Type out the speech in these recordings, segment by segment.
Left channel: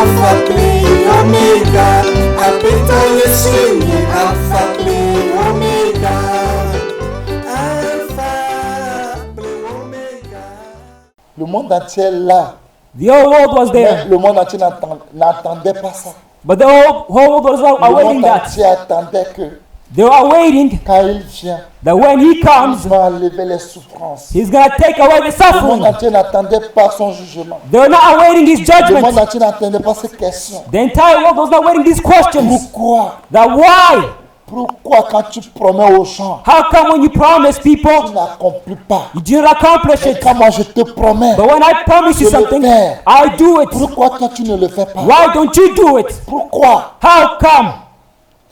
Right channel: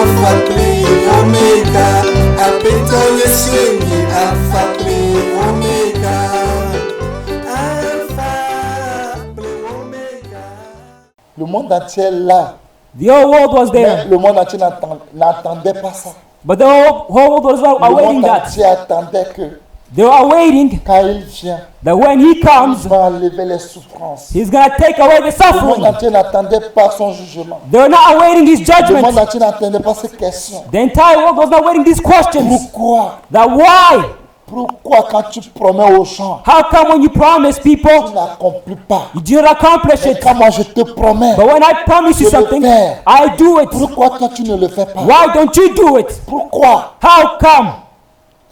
Alpha Clé Omega, Apeta Yesweni, Alpha Clé Omega, Alpha Clé Omega. Le monde entier est là, mais le monde entier n'attendait pas ça. Le monde entier attendait que quand il vient, il va enlever les souffrances. Le monde entier n'attendait pas son jugement. Le monde entier n'attendait pas ses questions. Pourquoi quand tu promets aux gens, tu n'accomplis pas? Mais quand moi je te promets, je le fais. Pourquoi toi tu ne le fais pas? Pourquoi?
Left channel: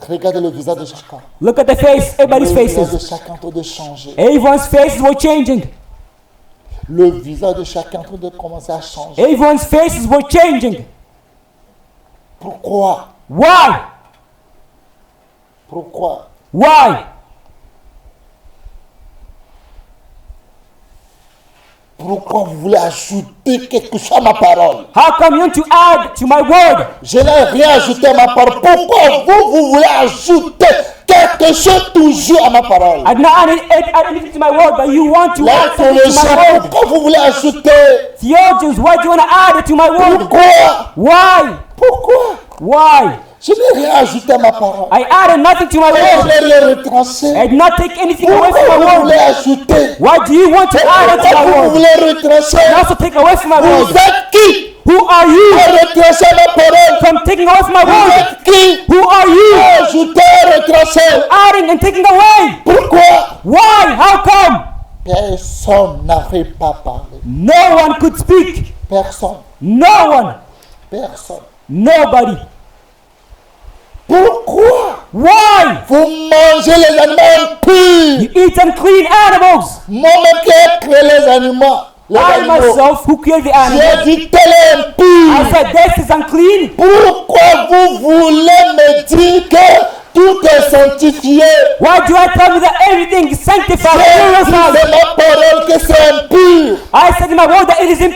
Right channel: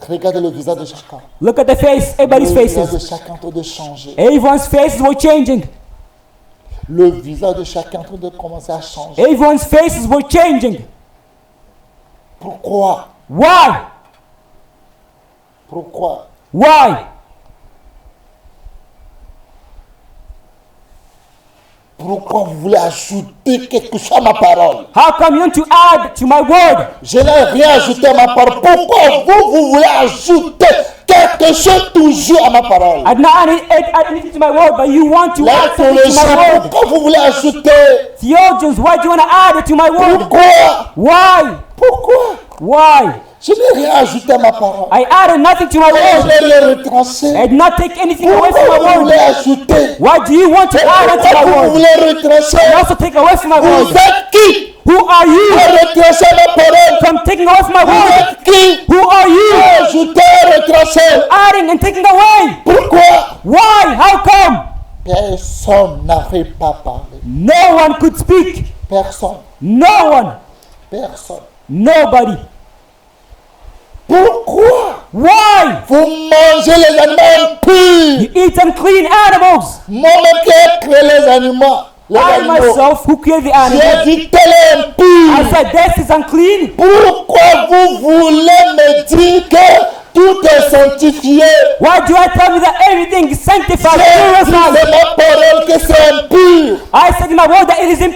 Regardez le visage de chacun. Le visage de chacun est en train de changer. Le visage de chacun est en train de commencer à changer. Pourquoi? Pourquoi? Pourquoi vous voulez ajouter quelque chose à ma parole? Je n'ai rien ajouté à ma parole. Pourquoi vous voulez ajouter quelque chose toujours à ma parole? Les théologiens, pourquoi vous voulez ajouter? Pourquoi? Je n'ai rien ajouté à ma parole. Et je n'ai rien retranché. Pourquoi vous voulez ajouter? Et pourquoi vous voulez retrancher? Vous êtes qui à retrancher ma parole? Vous êtes qui à ajouter, retrancher? Pourquoi? Personne n'arrive pas à parler. Personne. Personne. Pourquoi vous mangez les animaux impurs? Moi-même qui ai créé les animaux, j'ai dit tel est impur. Pourquoi vous voulez me dire que tout est sanctifié? J'ai dit c'est ma parole que c'est impur.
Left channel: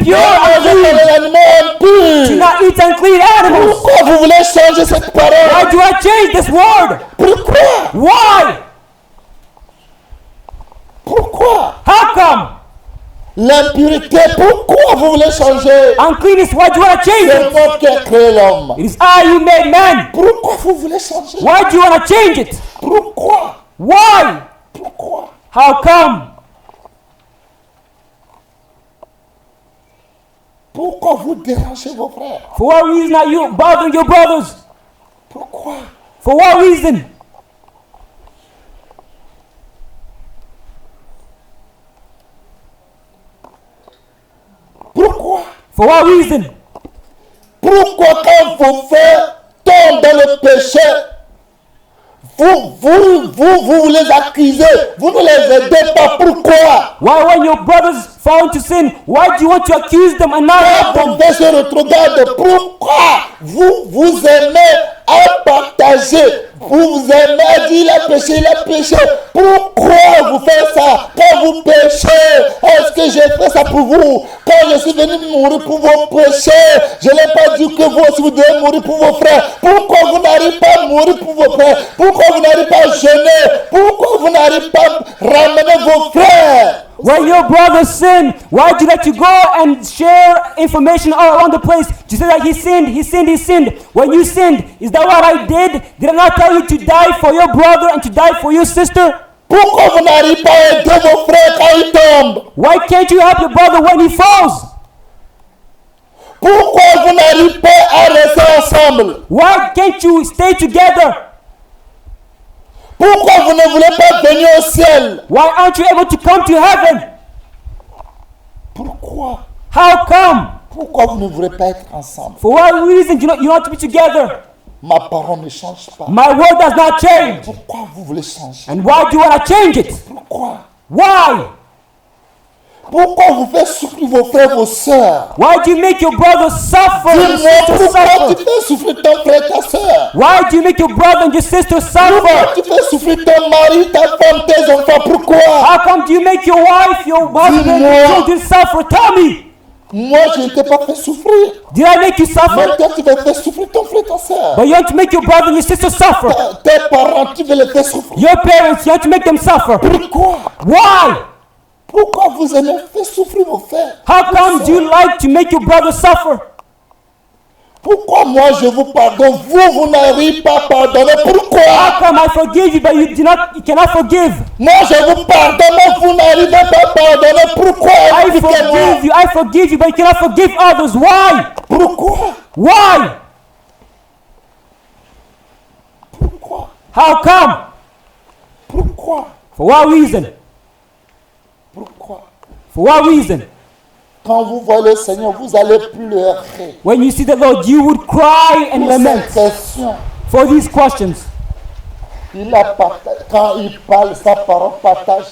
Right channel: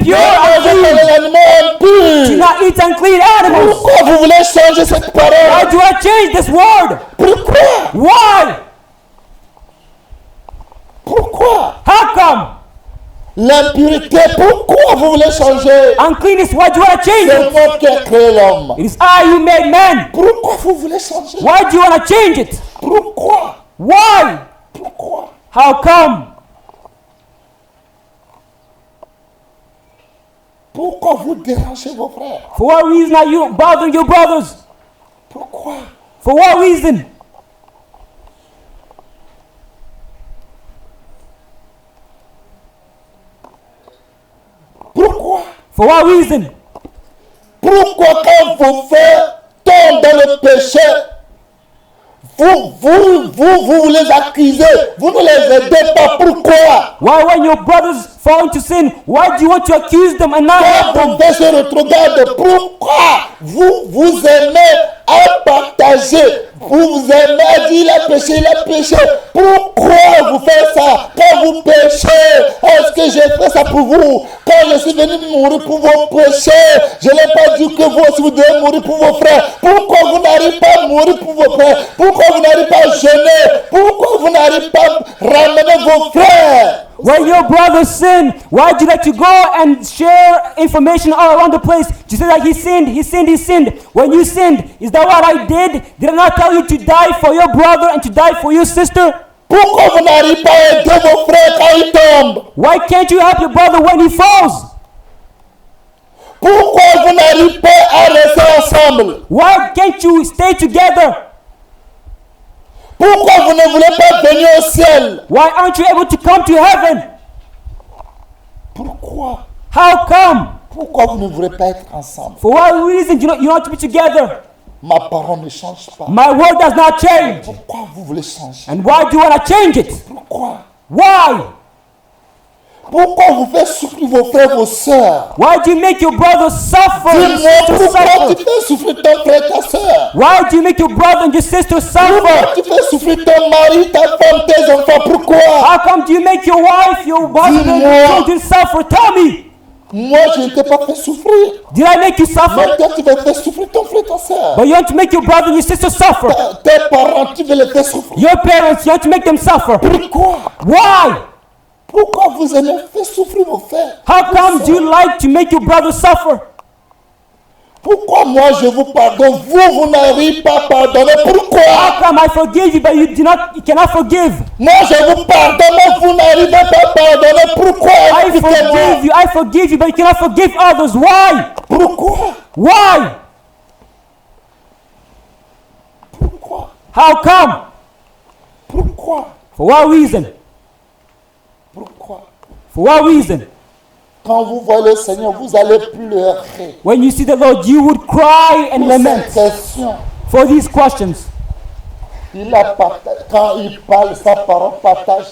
Ne mangez pas les animaux impurs. Pourquoi vous voulez changer cette parole? Pourquoi? L'impurité, pourquoi vous voulez changer? C'est moi qui ai créé l'homme. Pourquoi vous voulez changer? Pourquoi? Pourquoi vous dérangez vos frères? Pourquoi? Pourquoi quand vos frères tombent dans le péché, vous les accusez, vous ne les aidez pas? Pourquoi? Quand vos frères se retrogradent, pourquoi vous aimez à partager? Vous aimez à dire il a péché. Pourquoi vous faites ça? Quand vous péchez, est-ce que j'ai fait ça pour vous? Quand je suis venu mourir pour vos péchés, je n'ai pas dit que vous aussi vous devez mourir pour vos frères. Pourquoi vous n'arrivez pas à mourir pour vos frères? Pourquoi vous n'arrivez pas à jeûner? Pourquoi vous n'arrivez pas à ramener vos frères? Pourquoi vous n'arrivez pas à aider vos frères quand ils tombent? Pourquoi vous n'arrivez pas à rester ensemble? Pourquoi vous ne voulez pas venir au ciel? Pourquoi? Pourquoi vous ne voulez pas être ensemble? Ma parole ne change pas. Pourquoi vous voulez changer? Pourquoi? Pourquoi vous faites souffrir vos frères, vos sœurs? Dis-moi pourquoi tu fais souffrir ton frère, ta sœur? Pourquoi tu fais souffrir ton mari, ta femme, tes enfants? Pourquoi? Dis-moi. Moi, je ne t'ai pas fait souffrir. Mais toi, tu veux faire souffrir ton frère, ta soeur. Tes parents, tu veux les faire souffrir. Pourquoi? Pourquoi vous aimez faire souffrir vos frères? Pourquoi moi je vous pardonne, vous n'arrivez pas à pardonner? Pourquoi? Moi je vous pardonne, mais vous n'arrivez pas à pardonner. Pourquoi? Expliquez-moi. Pourquoi? Pourquoi? Pourquoi? Pourquoi? Quand vous voyez le Seigneur, vous allez pleurer pour ces questions. Quand il parle, sa parole partage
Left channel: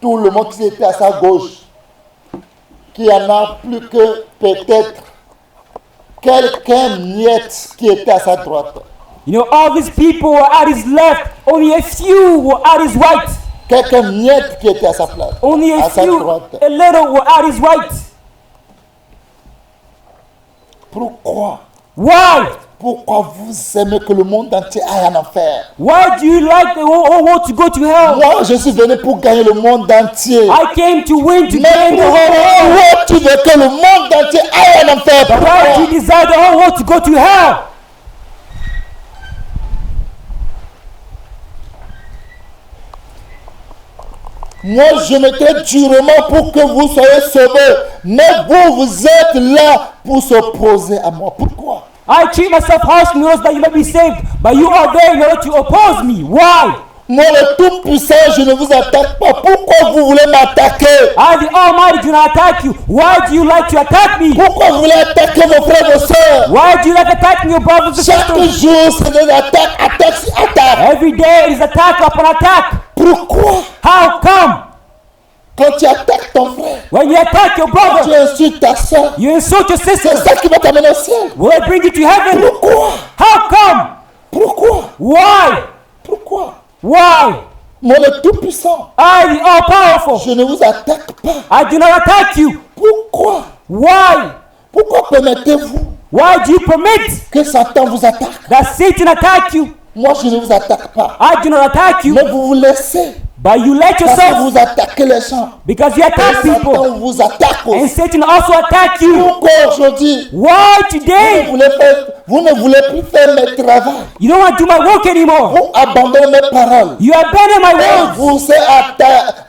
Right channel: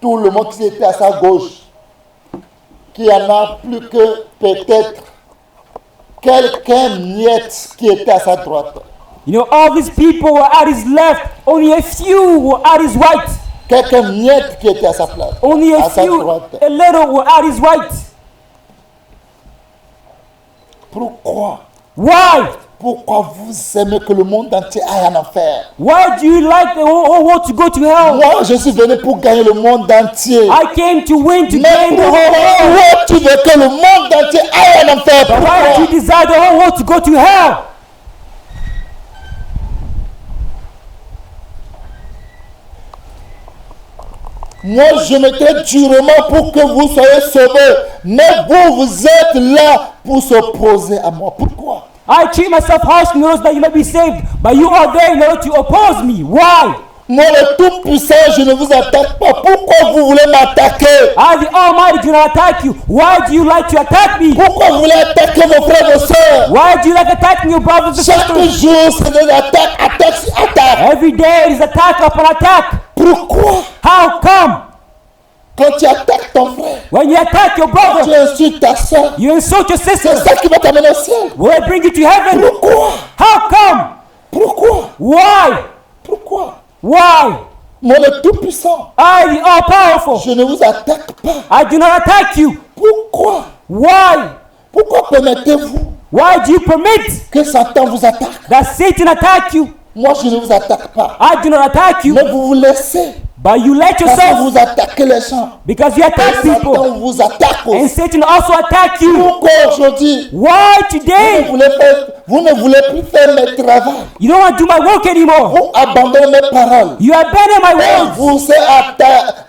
tout le monde qui était à sa gauche, qu'il n'y en a plus que peut-être quelqu'un miette qui était à sa droite. Quelqu'un miette qui était à sa place, à sa droite. Pourquoi? Pourquoi vous aimez que le monde entier aille en enfer? Moi, je suis venu pour gagner le monde entier. Mais pourquoi toi, tu veux que le monde entier aille en enfer? Pourquoi? Moi, je mettrai durement pour que vous soyez sauvés. Mais vous êtes là pour s'opposer à moi. Pourquoi? Moi, le Tout-Puissant, je ne vous attaque pas. Pourquoi vous voulez m'attaquer? Pourquoi vous voulez attaquer vos frères et sœurs? Chaque jour, c'est des attaques, attaques. Pourquoi? Quand tu attaques ton frère, quand tu insultes ta soeur, c'est ça qui va t'amener au ciel. Pourquoi? Pourquoi? Pourquoi? Moi, le Tout-Puissant, je ne vous attaque pas. Pourquoi? Pourquoi permettez-vous que Satan vous attaque? Moi, je ne vous attaque pas. Mais vous vous laissez. Parce que vous attaquez les gens. Et Satan vous attaque aussi. Pourquoi aujourd'hui, vous ne voulez plus faire mes travaux. Vous abandonnez mes paroles. Et vous êtes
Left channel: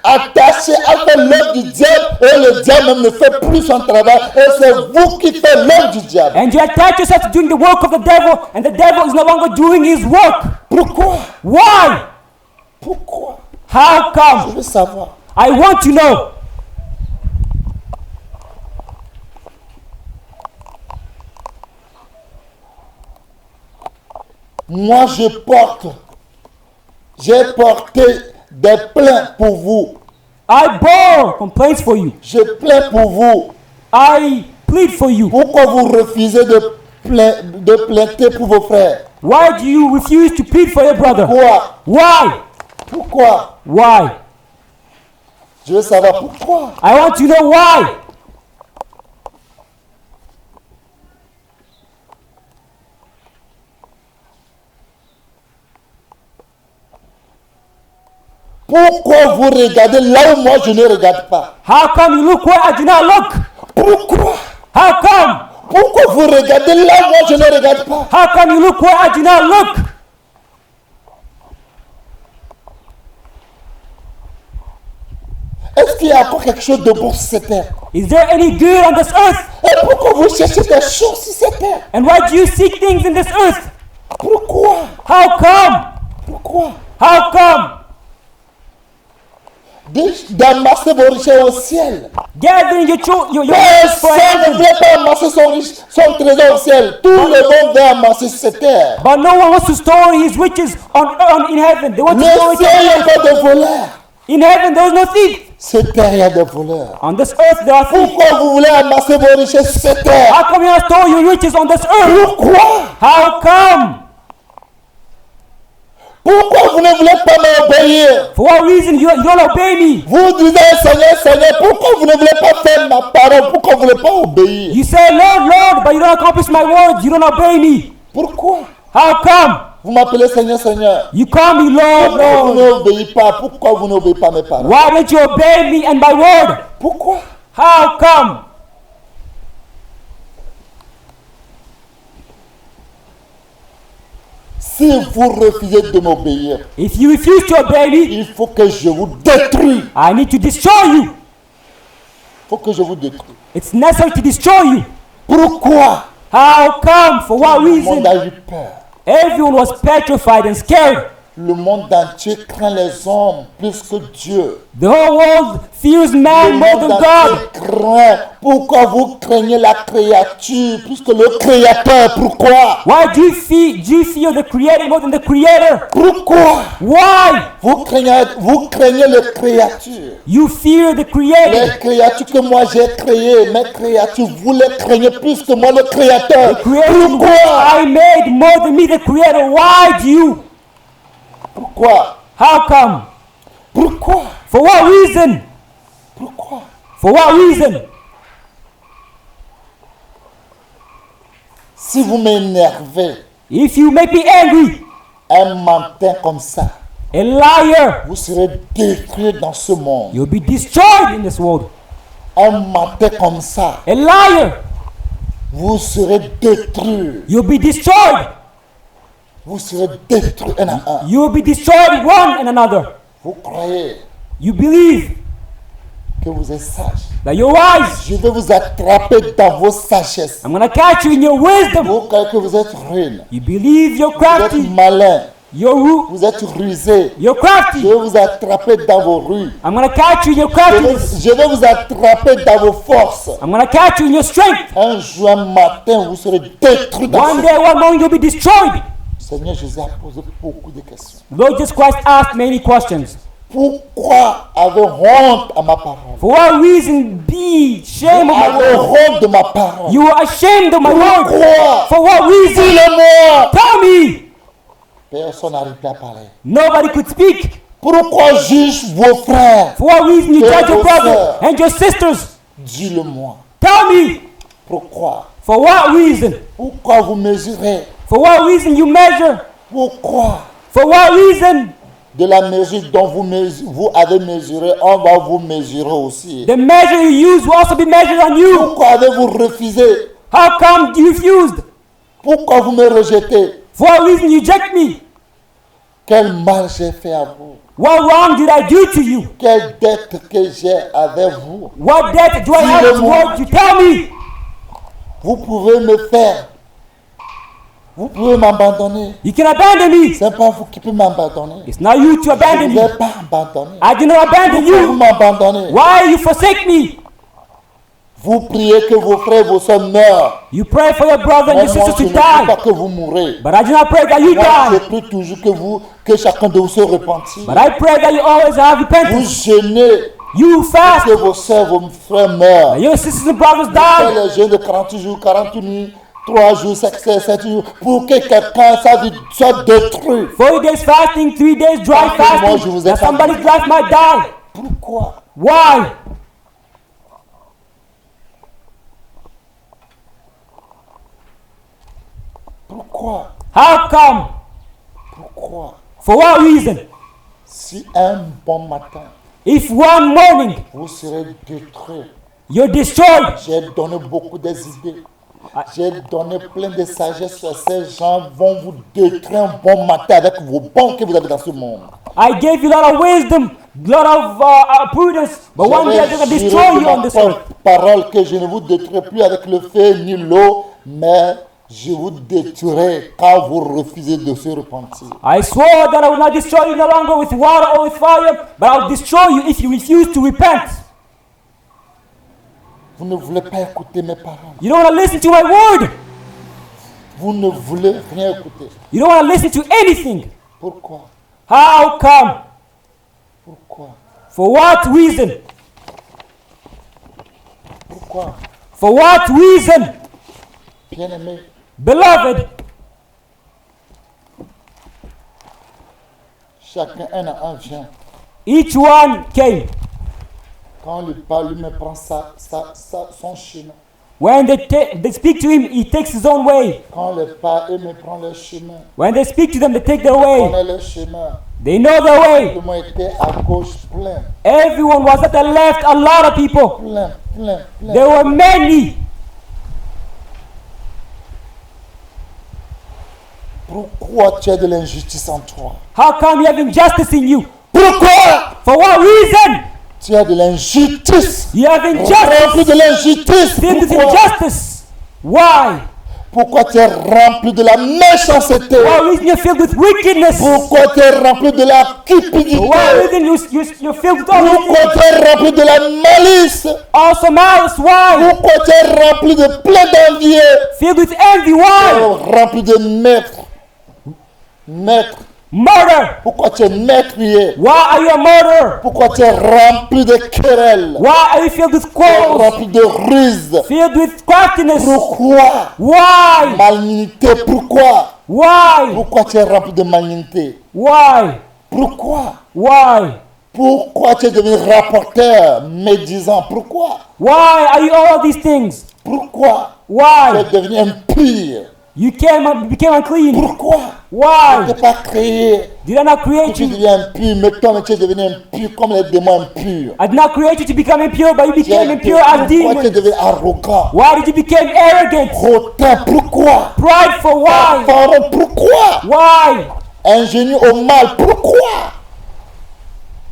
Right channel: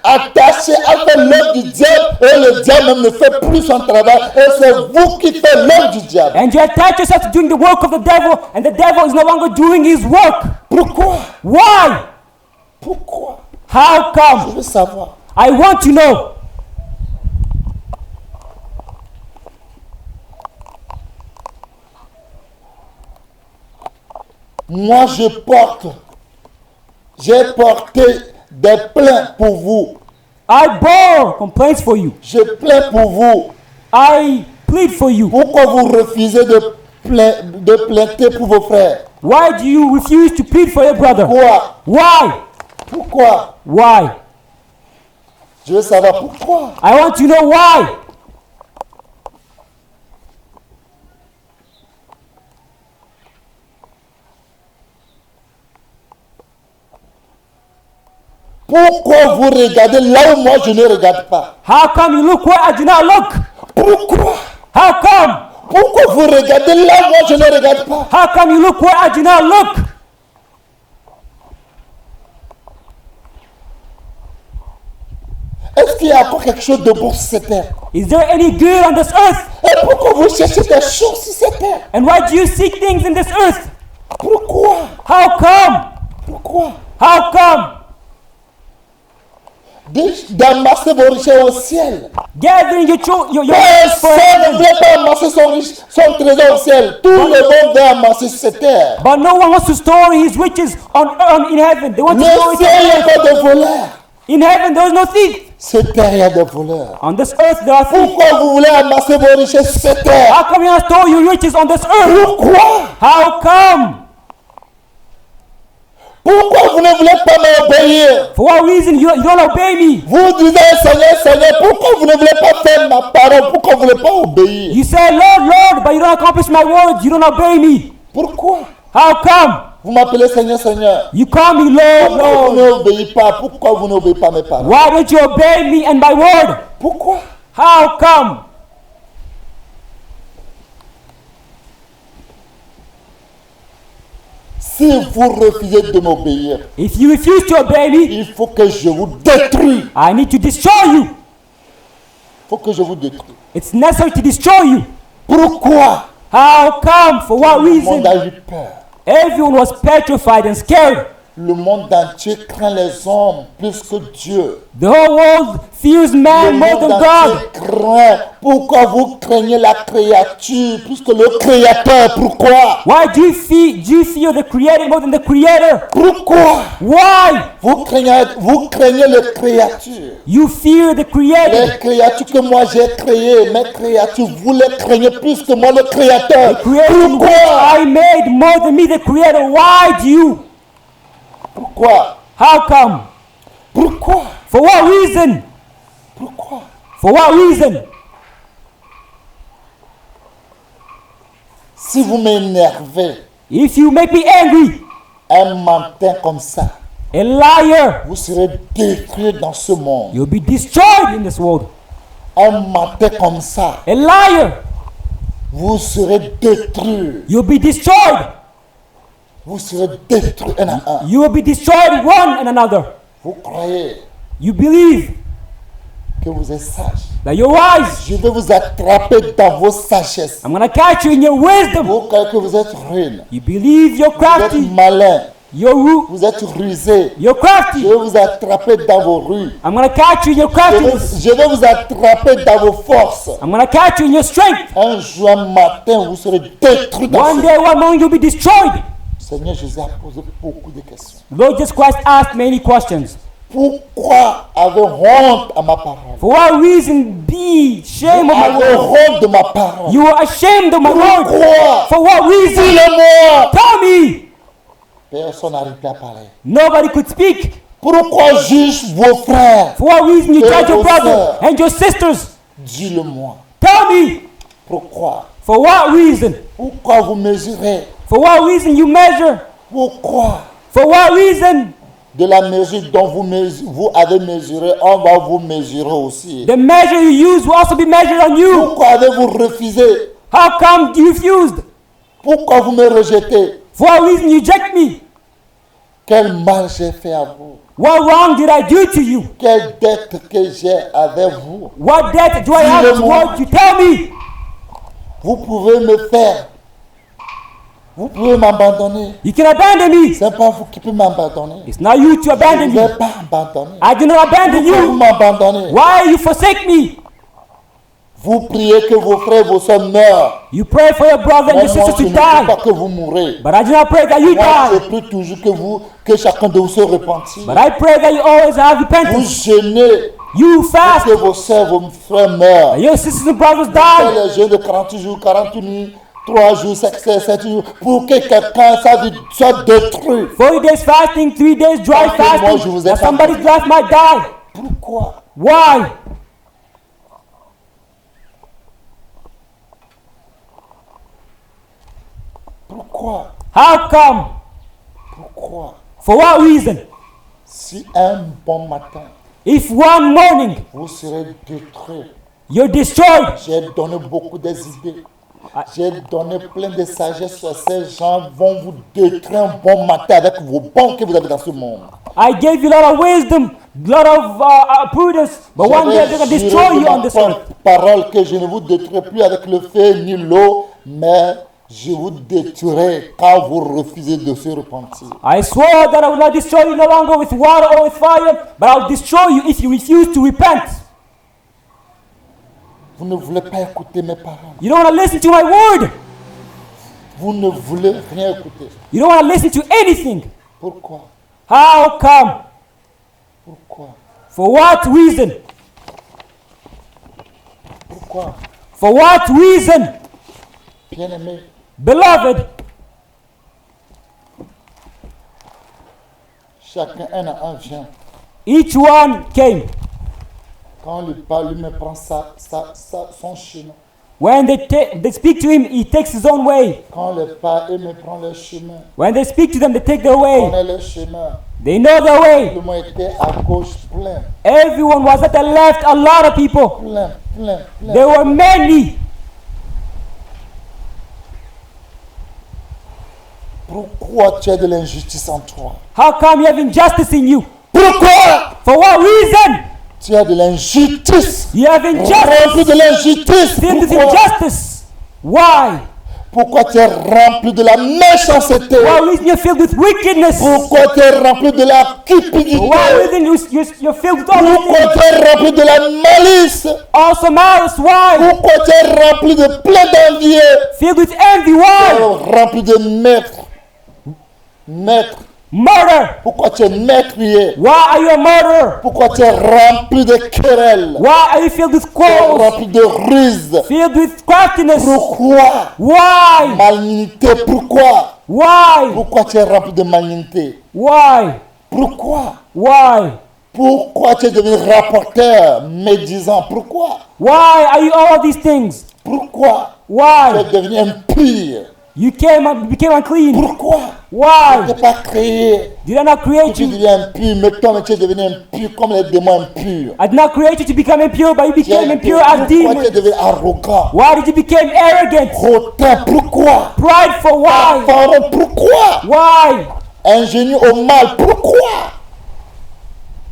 attaché à faire l'œuvre du diable. Et le diable ne fait plus son travail. Et c'est vous qui faites l'œuvre du diable. Pourquoi? Pourquoi? Je veux savoir. Moi, j'ai porté des plaintes pour vous. Je plains pour vous. Pourquoi vous refusez de plainter pour vos frères? Pourquoi? Pourquoi? Je veux savoir pourquoi. Pourquoi vous regardez là où moi je ne regarde pas? Pourquoi? Pourquoi vous regardez là où moi je ne regarde pas? Est-ce qu'il y a encore quelque chose de bon sur cette terre? Et pourquoi vous cherchez des choses sur cette terre? Pourquoi? Pourquoi? D'amasser vos richesses au ciel. Personne ne voulait pas amasser son trésor au ciel. Tout le monde veut amasser sur cette terre. Le ciel, il n'y a pas de voleurs. Cette terre, il y a des voleurs. Pourquoi vous voulez amasser vos richesses sur cette terre? Pourquoi? Pourquoi vous ne voulez pas m'obéir? Vous disiez, Seigneur, Seigneur, pourquoi vous ne voulez pas faire ma parole? Pourquoi vous ne voulez pas obéir? don't obey me? Pourquoi How come? vous m'appelez Seigneur, Seigneur? You call me Pourquoi Lord. vous n'obéissez pas? Pourquoi vous n'obéissez pas à mes paroles? Why don't you obey me and my Lord? Pourquoi? How come? Si vous refusez de m'obéir, If you refuse to obey me, il faut que je vous détruise. I need to destroy you. Il faut que je vous détruise. It's necessary to destroy you. Pourquoi? How come? For what Le reason? monde a eu peur. Everyone was petrified and scared. Le monde entier craint les hommes plus que Dieu. The whole world fears Le man monde more than entier God. craint. Pourquoi vous craignez la créature plus que le Créateur? Pourquoi? Why do you fear the Creator more than the Creator? Pourquoi? Why? Vous craignez les créatures. You fear the Creator. Les créatures que moi j'ai créées, mes créatures, vous les craignez plus que moi le Créateur. Pourquoi? I made no one needed the Creator. Why do you? Pourquoi? How come? Pourquoi? For what reason? Pourquoi? For what reason? Si vous m'énervez If you make me angry, un matin comme ça, a liar, vous serez détruits dans ce monde. you be destroyed in this world. Un matin comme ça, A liar, vous serez détruits. you'll be destroyed. Vous serez détruits un à un. You will be destroyed one another. Vous croyez You believe que vous êtes sage. that you're wise. Je vais vous attraper dans vos sagesses. I'm going to catch you in your wisdom. Vous croyez que vous êtes ruine. You believe you're Vous êtes right. malin. You're rude. Vous êtes rusé. You're right. Je vais vous attraper dans vos rues. I'm going to catch you in your right. Je vais vous attraper dans vos forces. I'm going to catch you in your strength. Un jour, un matin, vous serez détruits dans ce One monde. day, one day, you'll be destroyed. Seigneur Jésus a posé beaucoup de questions. Look at Christ asked many questions. Pourquoi avez honte à ma parole? For what reason? Be Vous shame. avez honte de ma parole. You are ashamed of the word. Pourquoi? For what reason? Dis-le-moi. Tell me. Personne n'arrive pas à parler. Nobody could speak. Pourquoi juge vos frères? For what reason? Et vos Your sœurs. brothers and your sisters. Dis-le-moi. Tell me. Pourquoi? For what reason? Pourquoi vous mesurez? For what reason you measure? Pourquoi? For what reason? De la mesure dont vous avez mesuré, on va vous mesurer aussi. The measure you use what was measured on you. Pourquoi avez-vous refusé? How come you refuse? Pourquoi vous me rejetez? For what reason you reject me? Quel mal j'ai fait à vous? What wrong did I do to you? Quelle dette que j'ai avec vous? What debt do I Dis-le-moi. have? Tell me. Vous pouvez me faire. Vous pouvez m'abandonner. You can abandon me. Ce n'est pas vous qui pouvez m'abandonner. Now you Je ne abandon vous me. ai pas abandonné. I cannot abandon Pourquoi vous you. m'abandonnez? Why do you forsake me? Vous priez que vos frères et vos soeurs meurent. You pray for the brother. Mais moi, je ne prie pas que vous mourrez. But I cannot pray that you Moi, je die. prie toujours que chacun de vous se repentir. I pray that you always have Vous repentance. jeûnez You pour fast. que vos soeurs, vos frères meurent. Your sisters and brothers Vous faites die. les jeûnes de 40 jours, 40 nuits, 3 jours, 7 jours, pour que quelqu'un, sa vie soit détruit. Okay, silently 3 days. Tant que moi, je ne vous ai pas Somebody détruit. might die. Pourquoi? Why? Pourquoi? How come? Pourquoi? For what reason? Si un bon matin, If one morning vous serez détruit. you'll be destroyed. J'ai donné beaucoup des idées. J'ai donné plein de sagesse. Ces gens vont vous détruire un bon matin avec vos bons que vous avez dans ce monde. I gave you a lot of wisdom, a lot of prudence. But one J'avais day you'll be juré de ma destroyed. propre parole que je ne vous détruirai plus avec le feu ni l'eau, mais je vous détruirai quand vous refusez de se repentir. I swore that I would not destroy you no longer with water or with fire, but I will destroy you if you refuse to repent. Vous ne voulez pas écouter mes paroles. You don't want to listen to my word. Vous ne voulez rien écouter. You don't want to listen to anything. Pourquoi? How come? Pourquoi? For what reason? Pourquoi? For what reason? Bien-aimé, Beloved, chacun un à un vient. each one came. Quand on lui parle, lui me prend son chemin. When they stick to him, he takes his own way. Quand les pas aiment prendre le chemin, When they stick to them, they take their way. connaît le chemin. They know the Tout way. le monde était à gauche plein, Everyone was at the left, a lot of people. plein, plein, plein. There were many. Pourquoi tu as de l'injustice en toi? How come there is injustice in you? Pourquoi For what reason? tu as de l'injustice? You have been Rempli de l'injustice. Pourquoi? injustice. Why? Pourquoi tu es rempli de la méchanceté? Why you feel this wickedness? Pourquoi tu es rempli de la cupidité? You feel Pourquoi tu es rempli de la malice? also malice. Why? Pourquoi tu es rempli de plein d'envieux? Feel this envy. Tu Why? es rempli de maître. Maître. Murder. Pourquoi tu es meurtrier? Why are you a murderer? Pourquoi tu es rempli de querelles? Why you feel this Tu es quarrel? rempli de ruses? Feel this craftiness. Pourquoi? Why? Malignité, pourquoi? Why? Pourquoi tu es rempli de malignité? Why? Pourquoi? Why? Pourquoi tu es devenu rapporteur médisant? Pourquoi? Why are you all these things? Pourquoi tu es Why? devenu impur? You became clean. Pourquoi? Tu Why? n'es pas créé You did not que tu create. deviens impur, mais toi tu es devenu impur comme les démons impurs. I did not create you to become impure, but you Tu es became impure. pourquoi tu es devenu arrogant? Why did you become arrogant? Hautain, pourquoi? Prideful. Why? Pharaon, pourquoi? Why? Ingénieux au mal, pourquoi?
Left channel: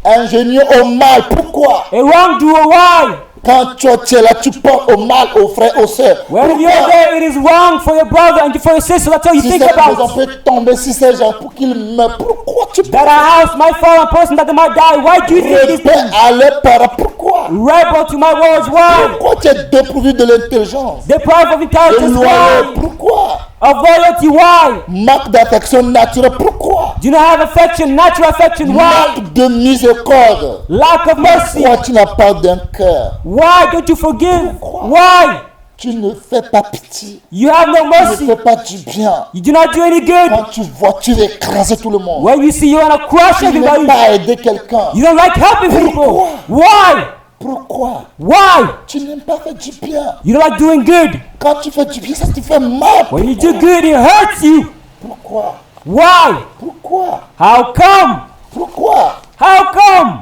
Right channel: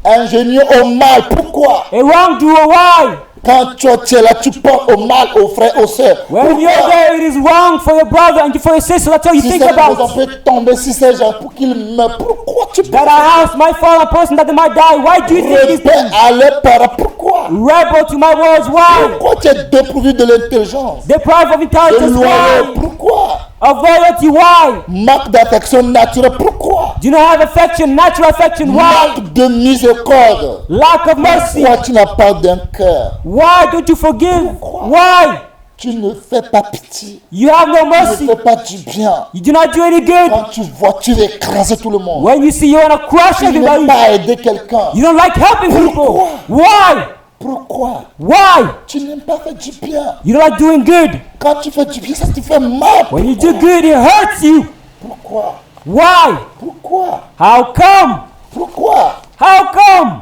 Ingénieux au mal, pourquoi? A wrongdoer. Why? Quand toi tu es là, tu penses au mal aux frères, aux sœurs. Pourquoi? It is wrong for a brother to become sick like Si cette maison peut tomber, si ces gens pour qu'ils meurent, pourquoi tu penses à ça? house might fall a person that might die. Why? Rebelle à leurs parents, pourquoi? Rebel to my Lord. Why? Pourquoi tu es dépourvu de l'intelligence, The Bible de because loyauté? Pourquoi? a brother to why? Manque d'affection naturelle, pourquoi? You don't have affection, natural affection. Manque de miséricorde. Lack of mercy. Pourquoi tu n'as pas d'un cœur? Why don't you forgive? Pourquoi? Why? Tu ne fais pas pitié. You have no Tu ne mercy. fais pas du bien. You do not do any good. Quand tu vois, tu veux écraser tout le monde. When you see you on a cross, Tu you n'aimes don't pas aider quelqu'un. come to people. Pourquoi? Why? Pourquoi? Why? Tu n'aimes pas faire du bien. You're not doing good. Quand tu fais du bien, ça te fait mal. Pourquoi? You really hurt you. Pourquoi? Why? Pourquoi? How come? Pourquoi? How come?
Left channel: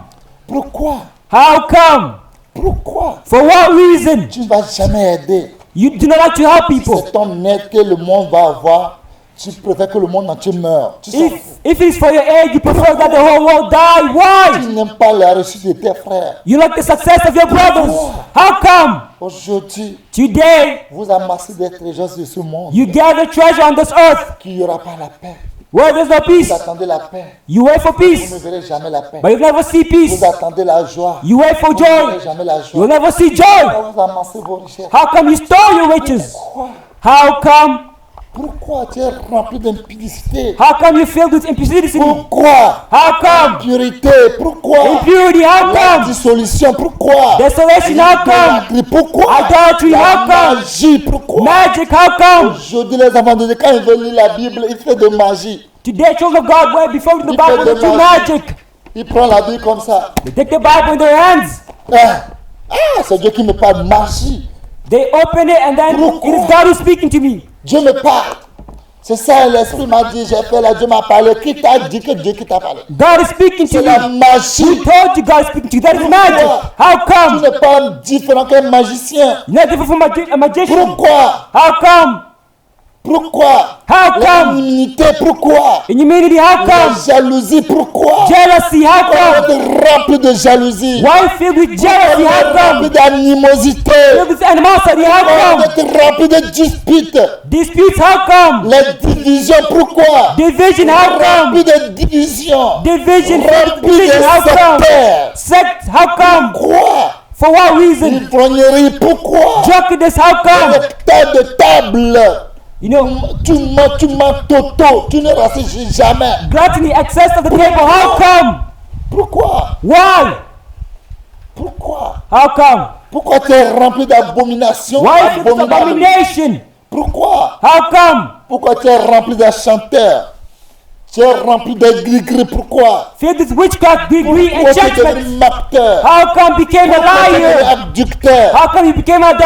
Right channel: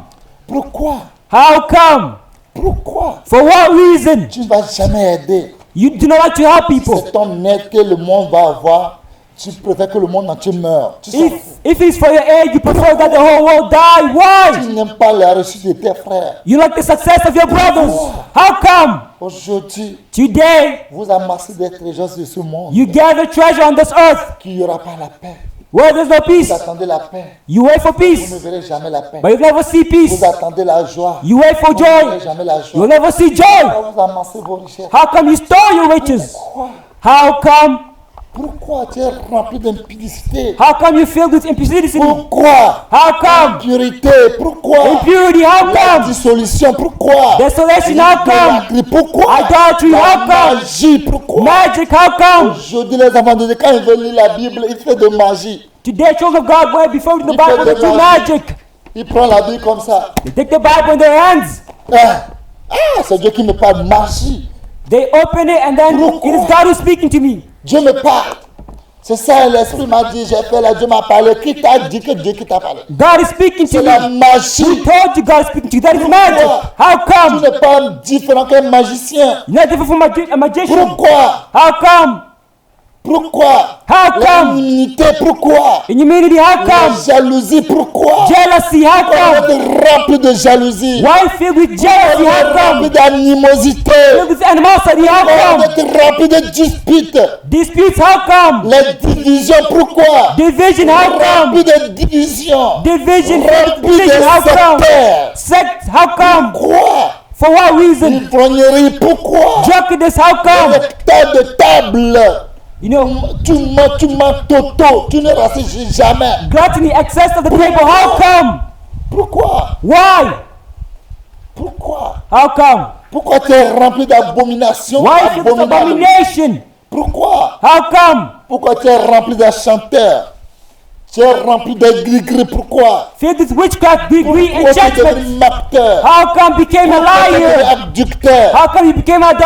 Pourquoi? How come? Pourquoi? For what reason? Tu ne vas jamais aider. You do not help people. C'est ton aide que le monde va avoir. Tu préfères que le monde entier meure. Tu s'en fous. If you for the egg, you don't want the whole world die. Tu Why? n'aimes pas la réussite de tes frères. You don't make success of your brother. Pourquoi? How come? Aujourd'hui, Today, vous amassez des trésors de ce monde. you got a treasure on this earth. Qu'il n'y aura pas la paix. Where is the Vous peace? attendez la paix. You wait for Mais vous peace. ne verrez jamais la paix. But you never see peace. Vous attendez la joie. You wait Vous for ne verrez joy. jamais la joie. You never see Pourquoi joy. vous amassez vos richesses? How come you store your riches? Pourquoi? How come? Pourquoi tu es rempli d'impudicité? How come you feel this impurity? Pourquoi? How come? Impurité, pourquoi? La dissolution, pourquoi? L'idolâtrie, pourquoi? La magie, pourquoi? Aujourd'hui, les enfants de Dieu, quand ils veulent lire la Bible, ils font de magie. Il fait de magie. Il prend la Bible comme ça. Ah, c'est Dieu qui me parle de magie. Pourquoi? Dieu me parle. C'est ça, l'Esprit m'a dit, j'ai fait là, Dieu m'a parlé. Qui t'a dit que Dieu qui t'a parlé? C'est la magie. Pourquoi? Tu n'es pas différent qu'un magicien. Pourquoi? Pourquoi? L'immunité, pourquoi? La jalousie, pourquoi? Pourquoi vous êtes rempli de jalousie? Pourquoi vous êtes rempli d'animosité? Pourquoi vous êtes rempli de disputes? Les divisions, pourquoi? Rempli de divisions, rempli de sectaires. Pourquoi? Ivrognerie, pourquoi? Les tas de tables. Tu mens toto, tu ne rassures jamais. Pourquoi? Pourquoi? Pourquoi tu es rempli d'abominations abominables? Pourquoi? Pourquoi tu es rempli de chanteurs? Tu es rempli de gris-gris, pourquoi? Pourquoi tu es devenu acteur? Pourquoi tu es devenu abducteur?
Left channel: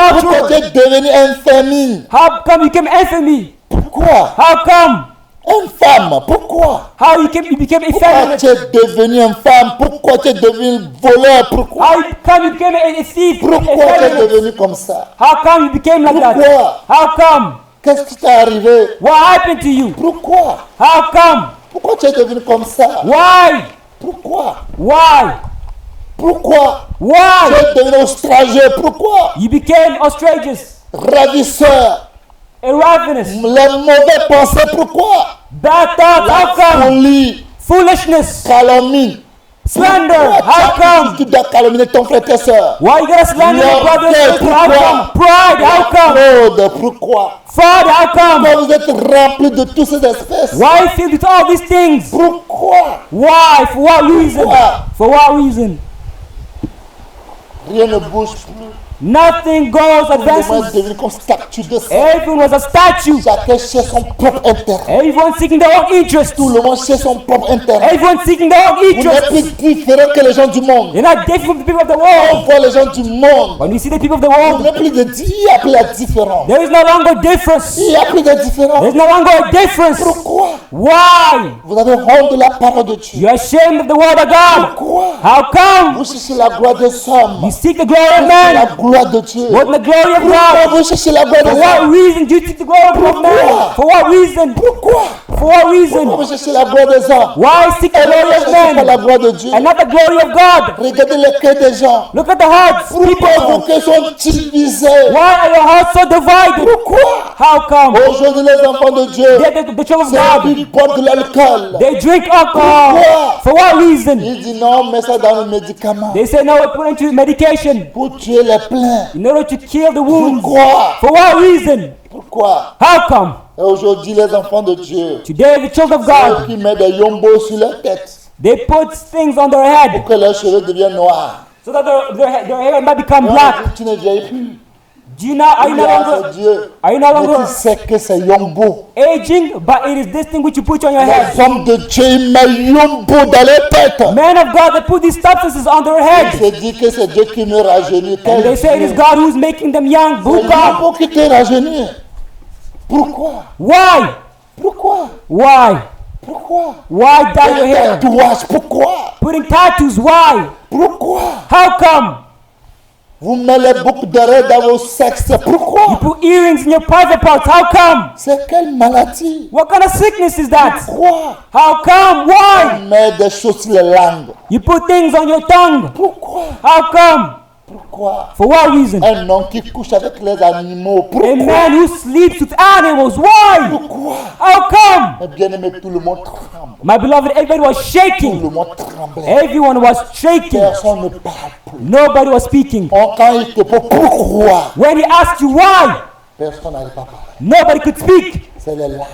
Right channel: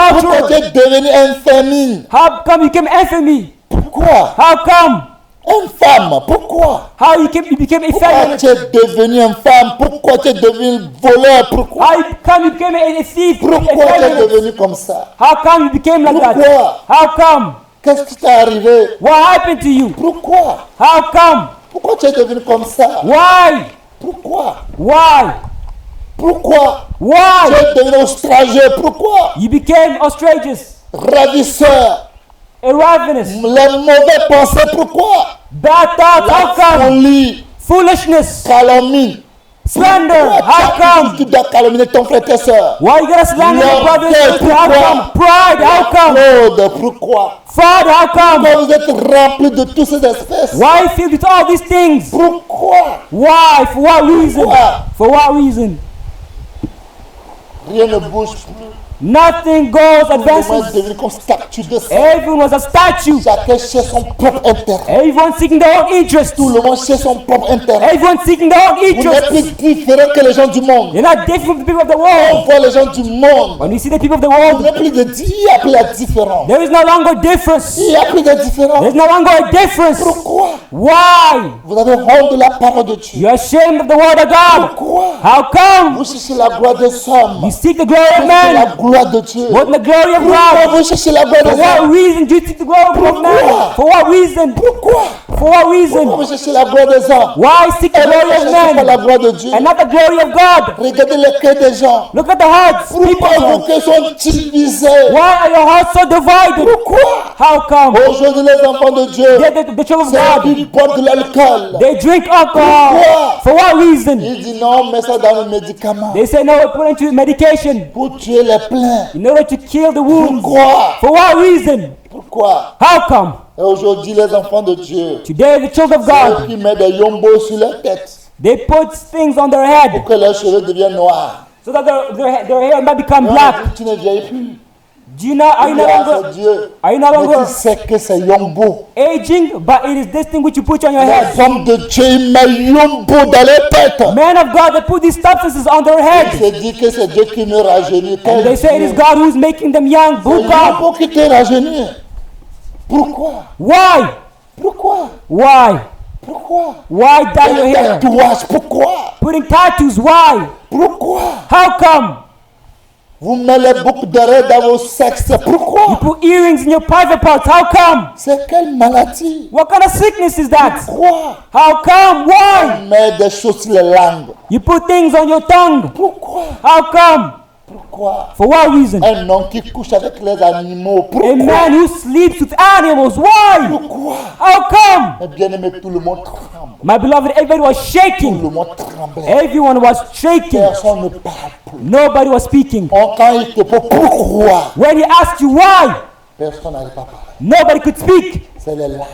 Pourquoi tu es devenu un famine? How come you became enemy? Pourquoi? How come? Une femme, pourquoi? How you became Pourquoi enemy? tu es devenu une femme? Pourquoi tu es devenu voleur? Pourquoi? How come you became a thief? Pourquoi tu es devenu comme ça? How come you became a Pourquoi? How come? Qu'est-ce qui t'est arrivé? What happened to you? Pourquoi? How come? Pourquoi tu es devenu comme ça? Why? Pourquoi? Why? Pourquoi? Tu Why? es devenu outrageux? Pourquoi? You became outrageous. Ravisseur, Irreverent. les mauvaises pensées, pourquoi? That La how come? folie, Foolishness. calomnie. Pourquoi tu dois calomnier ton frère et ta soeur? L'orgueil, pourquoi? La fraude, pourquoi? Pourquoi vous êtes remplis de toutes ces espèces? Why did you do all these things? Pourquoi? Why? What reason? Pourquoi? For what reason? Rien ne bouge plus. Nothing Tout goes le monde est devenu comme statue de sel. Everyone was a statue. Chacun cherche son propre intérêt. Everyone seeking their own interest. Tout le monde cherche son propre intérêt. Everyone seeking their own Vous interest. n'êtes plus différents que les gens du monde. You're not different from people of the On world. voit les gens du monde. You see the people of the Vous world. n'avez plus de il n'y a plus la différence. There's no longer difference. Il n'y a plus de différence. There's no longer difference. Pourquoi? Why? Vous avez honte de la parole de Dieu. You're ashamed of the word of God. Pourquoi? How come? Vous cherchez la gloire des hommes Seeking glory plus of que man. la gloire de Dieu. The glory of Pourquoi God. vous cherchez la gloire des For hommes? what reason? Because the glory of Pourquoi? God. For what reason? Pourquoi? For what reason? Pourquoi vous cherchez la gloire des hommes? Why seek Et the vous glory ne of cherchez man? pas la gloire de Dieu. Not the glory of God. Regardez les cœurs des gens. Look at the heart. Pourquoi vos cœurs sont divisés? Why the hearts of the one? Pourquoi? How come? Aujourd'hui, les enfants de Dieu, ceux qui boivent de l'alcool. They drink alcohol. Pourquoi? For what reason? Il dit non, mets ça dans le médicament They say no, put it to medication. pour tuer les pleins. No, to kill the wound. Pourquoi? For what reason? Pourquoi? How come? Et aujourd'hui, les enfants de Dieu, They took of ceux God. qui mettent des yombos sur leur tête They put things on their head pour que leurs cheveux deviennent noirs. so that their hair may Et become on a black. dit, tu ne vieillis plus. Do not Il dit, ah, c'est Dieu. Mais tu sais que c'est yombo. aging, but it is this thing which you put on your Les head. hommes de Dieu, ils mettent yombo dans leur tête. Men of God put these substances on their Il head. se dit que c'est Dieu qui me rajeunit. Quel They say Dieu? God who's making them young. C'est yombo qui te rajeunit. Pourquoi? Why? Pourquoi? Why? Pourquoi? Why? Des tatouages, pourquoi? Put tattoos. Why? Pourquoi? How come? Vous mettez les boucles d'oreilles dans vos sexes, pourquoi? Your earrings in your private part. How come? C'est quelle maladie? What kind of sickness is that? Pourquoi? How come? Why? On met des choses sur les langues. You put things on your tongue. Pourquoi? How come? Pourquoi? For what reason? Un homme qui couche avec les animaux, A pourquoi? man who sleeps with animals. Why? Pourquoi? How come? Mes bien-aimés, tout le monde tremble. My beloved, everyone was Tout shaking. le monde tremblait. Everyone was shaking. Personne ne parle plus. Nobody was speaking. Quand il te pose pourquoi, When we ask you why, personne n'arrive pas à parler. nobody could speak. C'est les larmes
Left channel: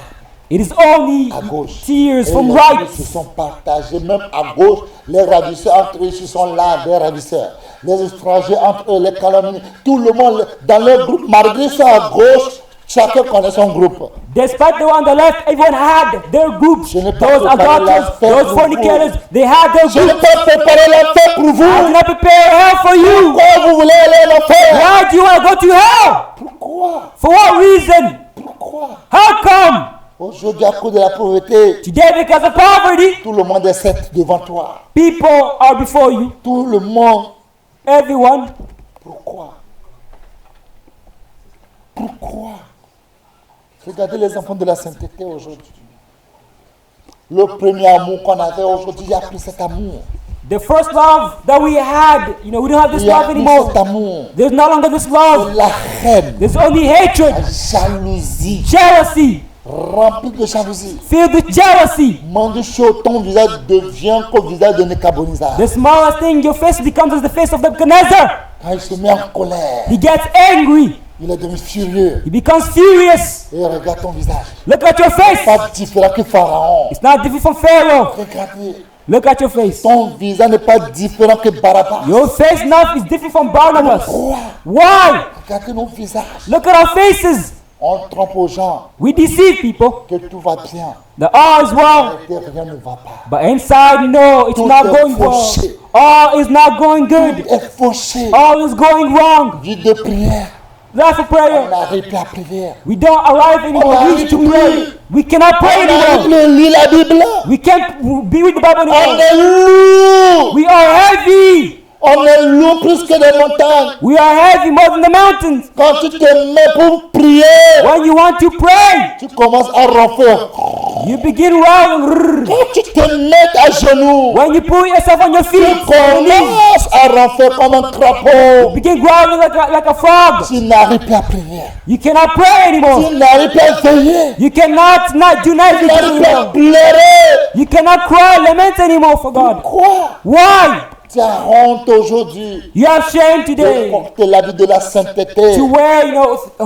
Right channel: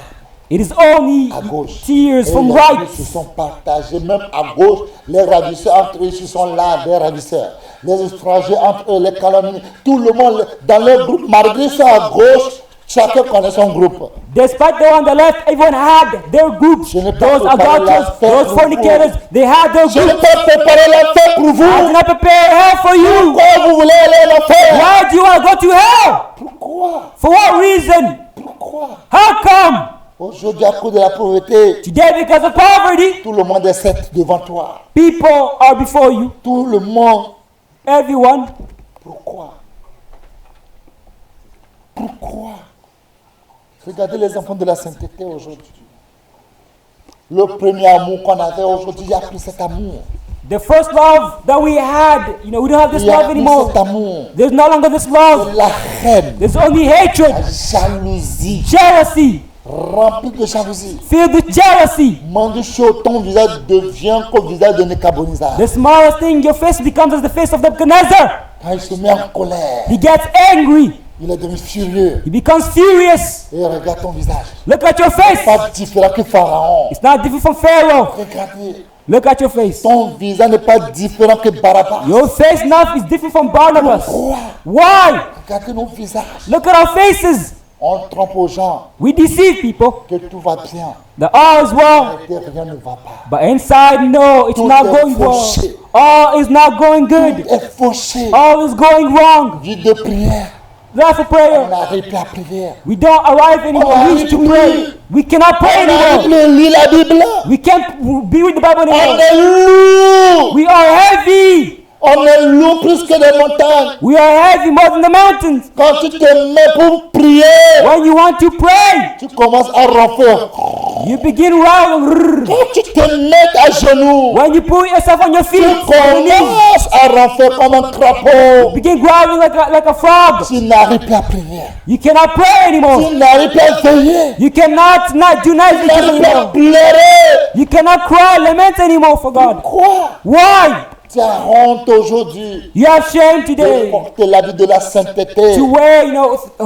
It is only à gauche. tears Et les and cris cries. se sont partagés. Même à gauche, les ravisseurs entre eux, ils sont là, des ravisseurs. Les étrangers entre eux, les calomnies. Tout le monde dans leur groupe, malgré ça à gauche, chacun connaît son groupe. Despite on the left, they don't have their group. Je n'ai pas préparé l'affaire pour vous. They have Je their n'ai pas préparé l'affaire pour vous. Never prepare help for you. Pourquoi vous voulez aller en enfer? Why do you want to go to hell? Pourquoi? For what reason? Pourquoi? How come? Aujourd'hui, à cause de la pauvreté, Yet because of poverty, tout le monde est sept devant toi. people are before you. Tout le monde. Everyone. Pourquoi? Pourquoi? Regardez les enfants de la sainteté aujourd'hui. Le premier amour qu'on avait aujourd'hui, il n'y a plus cet amour. The first love that we had, we don't Il n'y a plus cet amour. There's no longer this love. C'est la haine, There's only la hatred, jalousie, jealousy, remplie de jalousie. filled with jealousy. Mandu chaud, ton visage devient comme le visage de Nebuchadnezzar. The smallest thing, your face becomes the face of the commander. Quand il se met en colère, You get angry, il est devenu furieux. become furious. Et regarde ton visage. Look at your face. Pas différent que Pharaon. Not different Pharaoh. Regardez, Look at your face. ton visage n'est pas différent que Barabbas. Your face is not different from Barabbas. Pourquoi? Why? Regardez nos visages. Look at our faces. On trompe aux gens We deceive people. que tout va bien. The odds well, Et rien ne va pas. but inside you know Tout it's not est going well. fauché. All is not going Tout good. est fauché. All is going wrong. Vie de prière, On n'arrive plus à prier. We don't arrive in On n'arrive plus. We cannot On n'arrive plus à lire la Bible. We can't be without On est lourd. We are heavy. On est lourd plus que des montagnes. We are heavy more than the mountains. Quand tu te mets pour prier, When we want to pray, tu commences à ronfler. we begin around. Quand tu te mets à genoux, When we put yourself on your tu feet, commences à ronfler comme un crapaud. begin growling like a frog. Tu n'arrives plus à prier. You cannot pray Tu anymore. n'arrives plus à veiller. You cannot not Tu do n'arrives plus à anything. pleurer. You cannot cry and listen anymore. Pourquoi Why? tu as honte aujourd'hui You have changed de it. porter l'habit de la sainteté? Where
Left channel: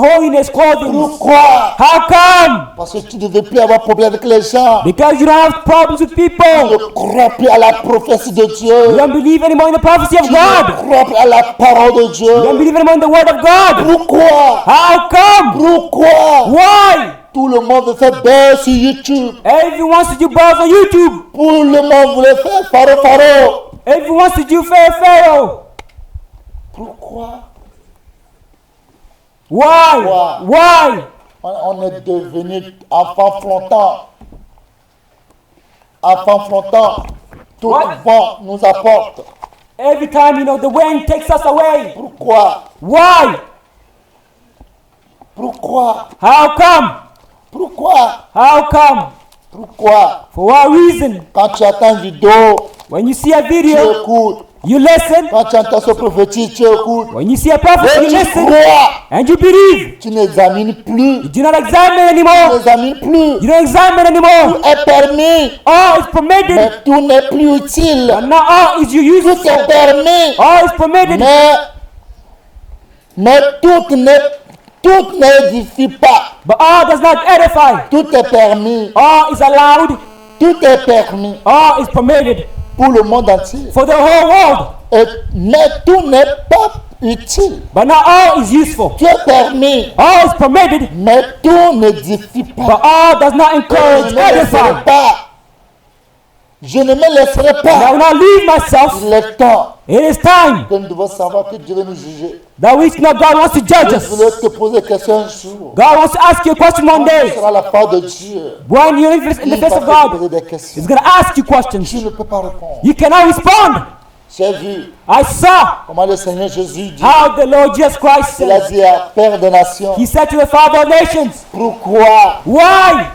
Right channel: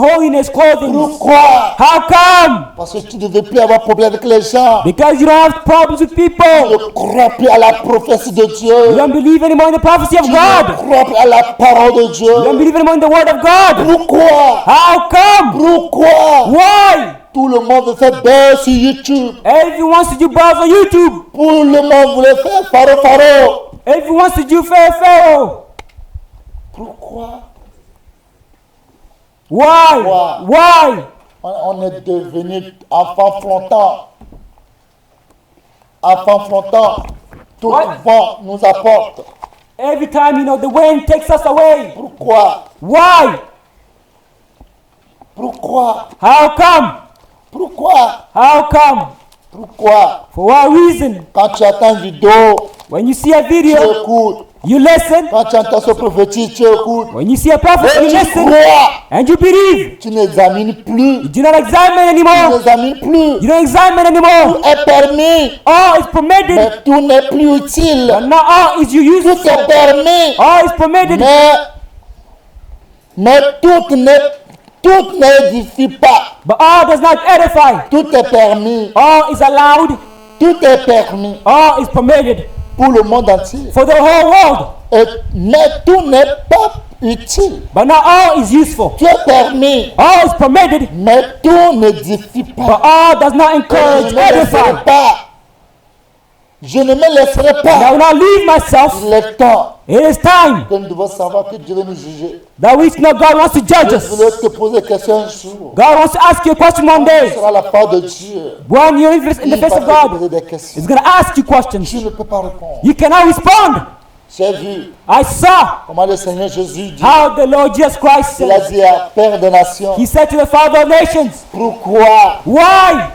holding it close. Pourquoi? How come? Parce que tu ne veux plus avoir problème avec les gens. Because you don't talk to Tu people. ne crois plus à la prophétie de Dieu. You believe in the gospel Tu of ne God. crois plus à la parole de Dieu. You believe in the word of God. Pourquoi? How come? Pourquoi? Why? Tout le monde fait bien sur YouTube. Everyone wants to go to YouTube. Tout le monde voulait faire faro. Everyone wants to do Pharaoh. Pourquoi? Why? Why? Why? On est devenu enfants flottants. Enfants flottants. Tout vent nous apporte. Every time the wind takes us away. Pourquoi? Why? Pourquoi? How come? Pourquoi? How come? Pourquoi? For what reason? Quand tu attends une vidéo, When you see a tu video, écoutes. you listen. Quand tu entends ce prophétique, tu écoutes. When you see a Et tu prophet, crois. and you believe. Tu n'examines plus. You don't examine Tu anymore. n'examines plus. You don't examine Tout anymore. est permis. All is permitted. Mais tout n'est plus utile. Not all is you Tout est permis. All is permitted. Mais tout n'édifie pas. But all does not edify. Tout est permis. All is allowed. Tout est permis All is permitted. pour le monde entier. For the whole world. Mais tout n'est pas utile. But not all is useful. Tout est permis. All is permitted. Mais tout n'édifie pas. All does not Et je ne me edify. laisserai pas. Je ne me laisserai I pas. will not leave myself. Il est temps It is time que nous devons savoir que Dieu va nous juger. that we think about the Je judge. voulais te poser des questions un jour. God will ask you questions Quand one tu day. seras la part de Dieu, God will il va te poser des questions. ask you questions. Tu ne peux pas répondre. We cannot respond. J'ai vu I saw comment le Seigneur Jésus dit. how the Lord Jesus Christ. Il a dit à Père des Nations, He said to the Father of nations, pourquoi, why?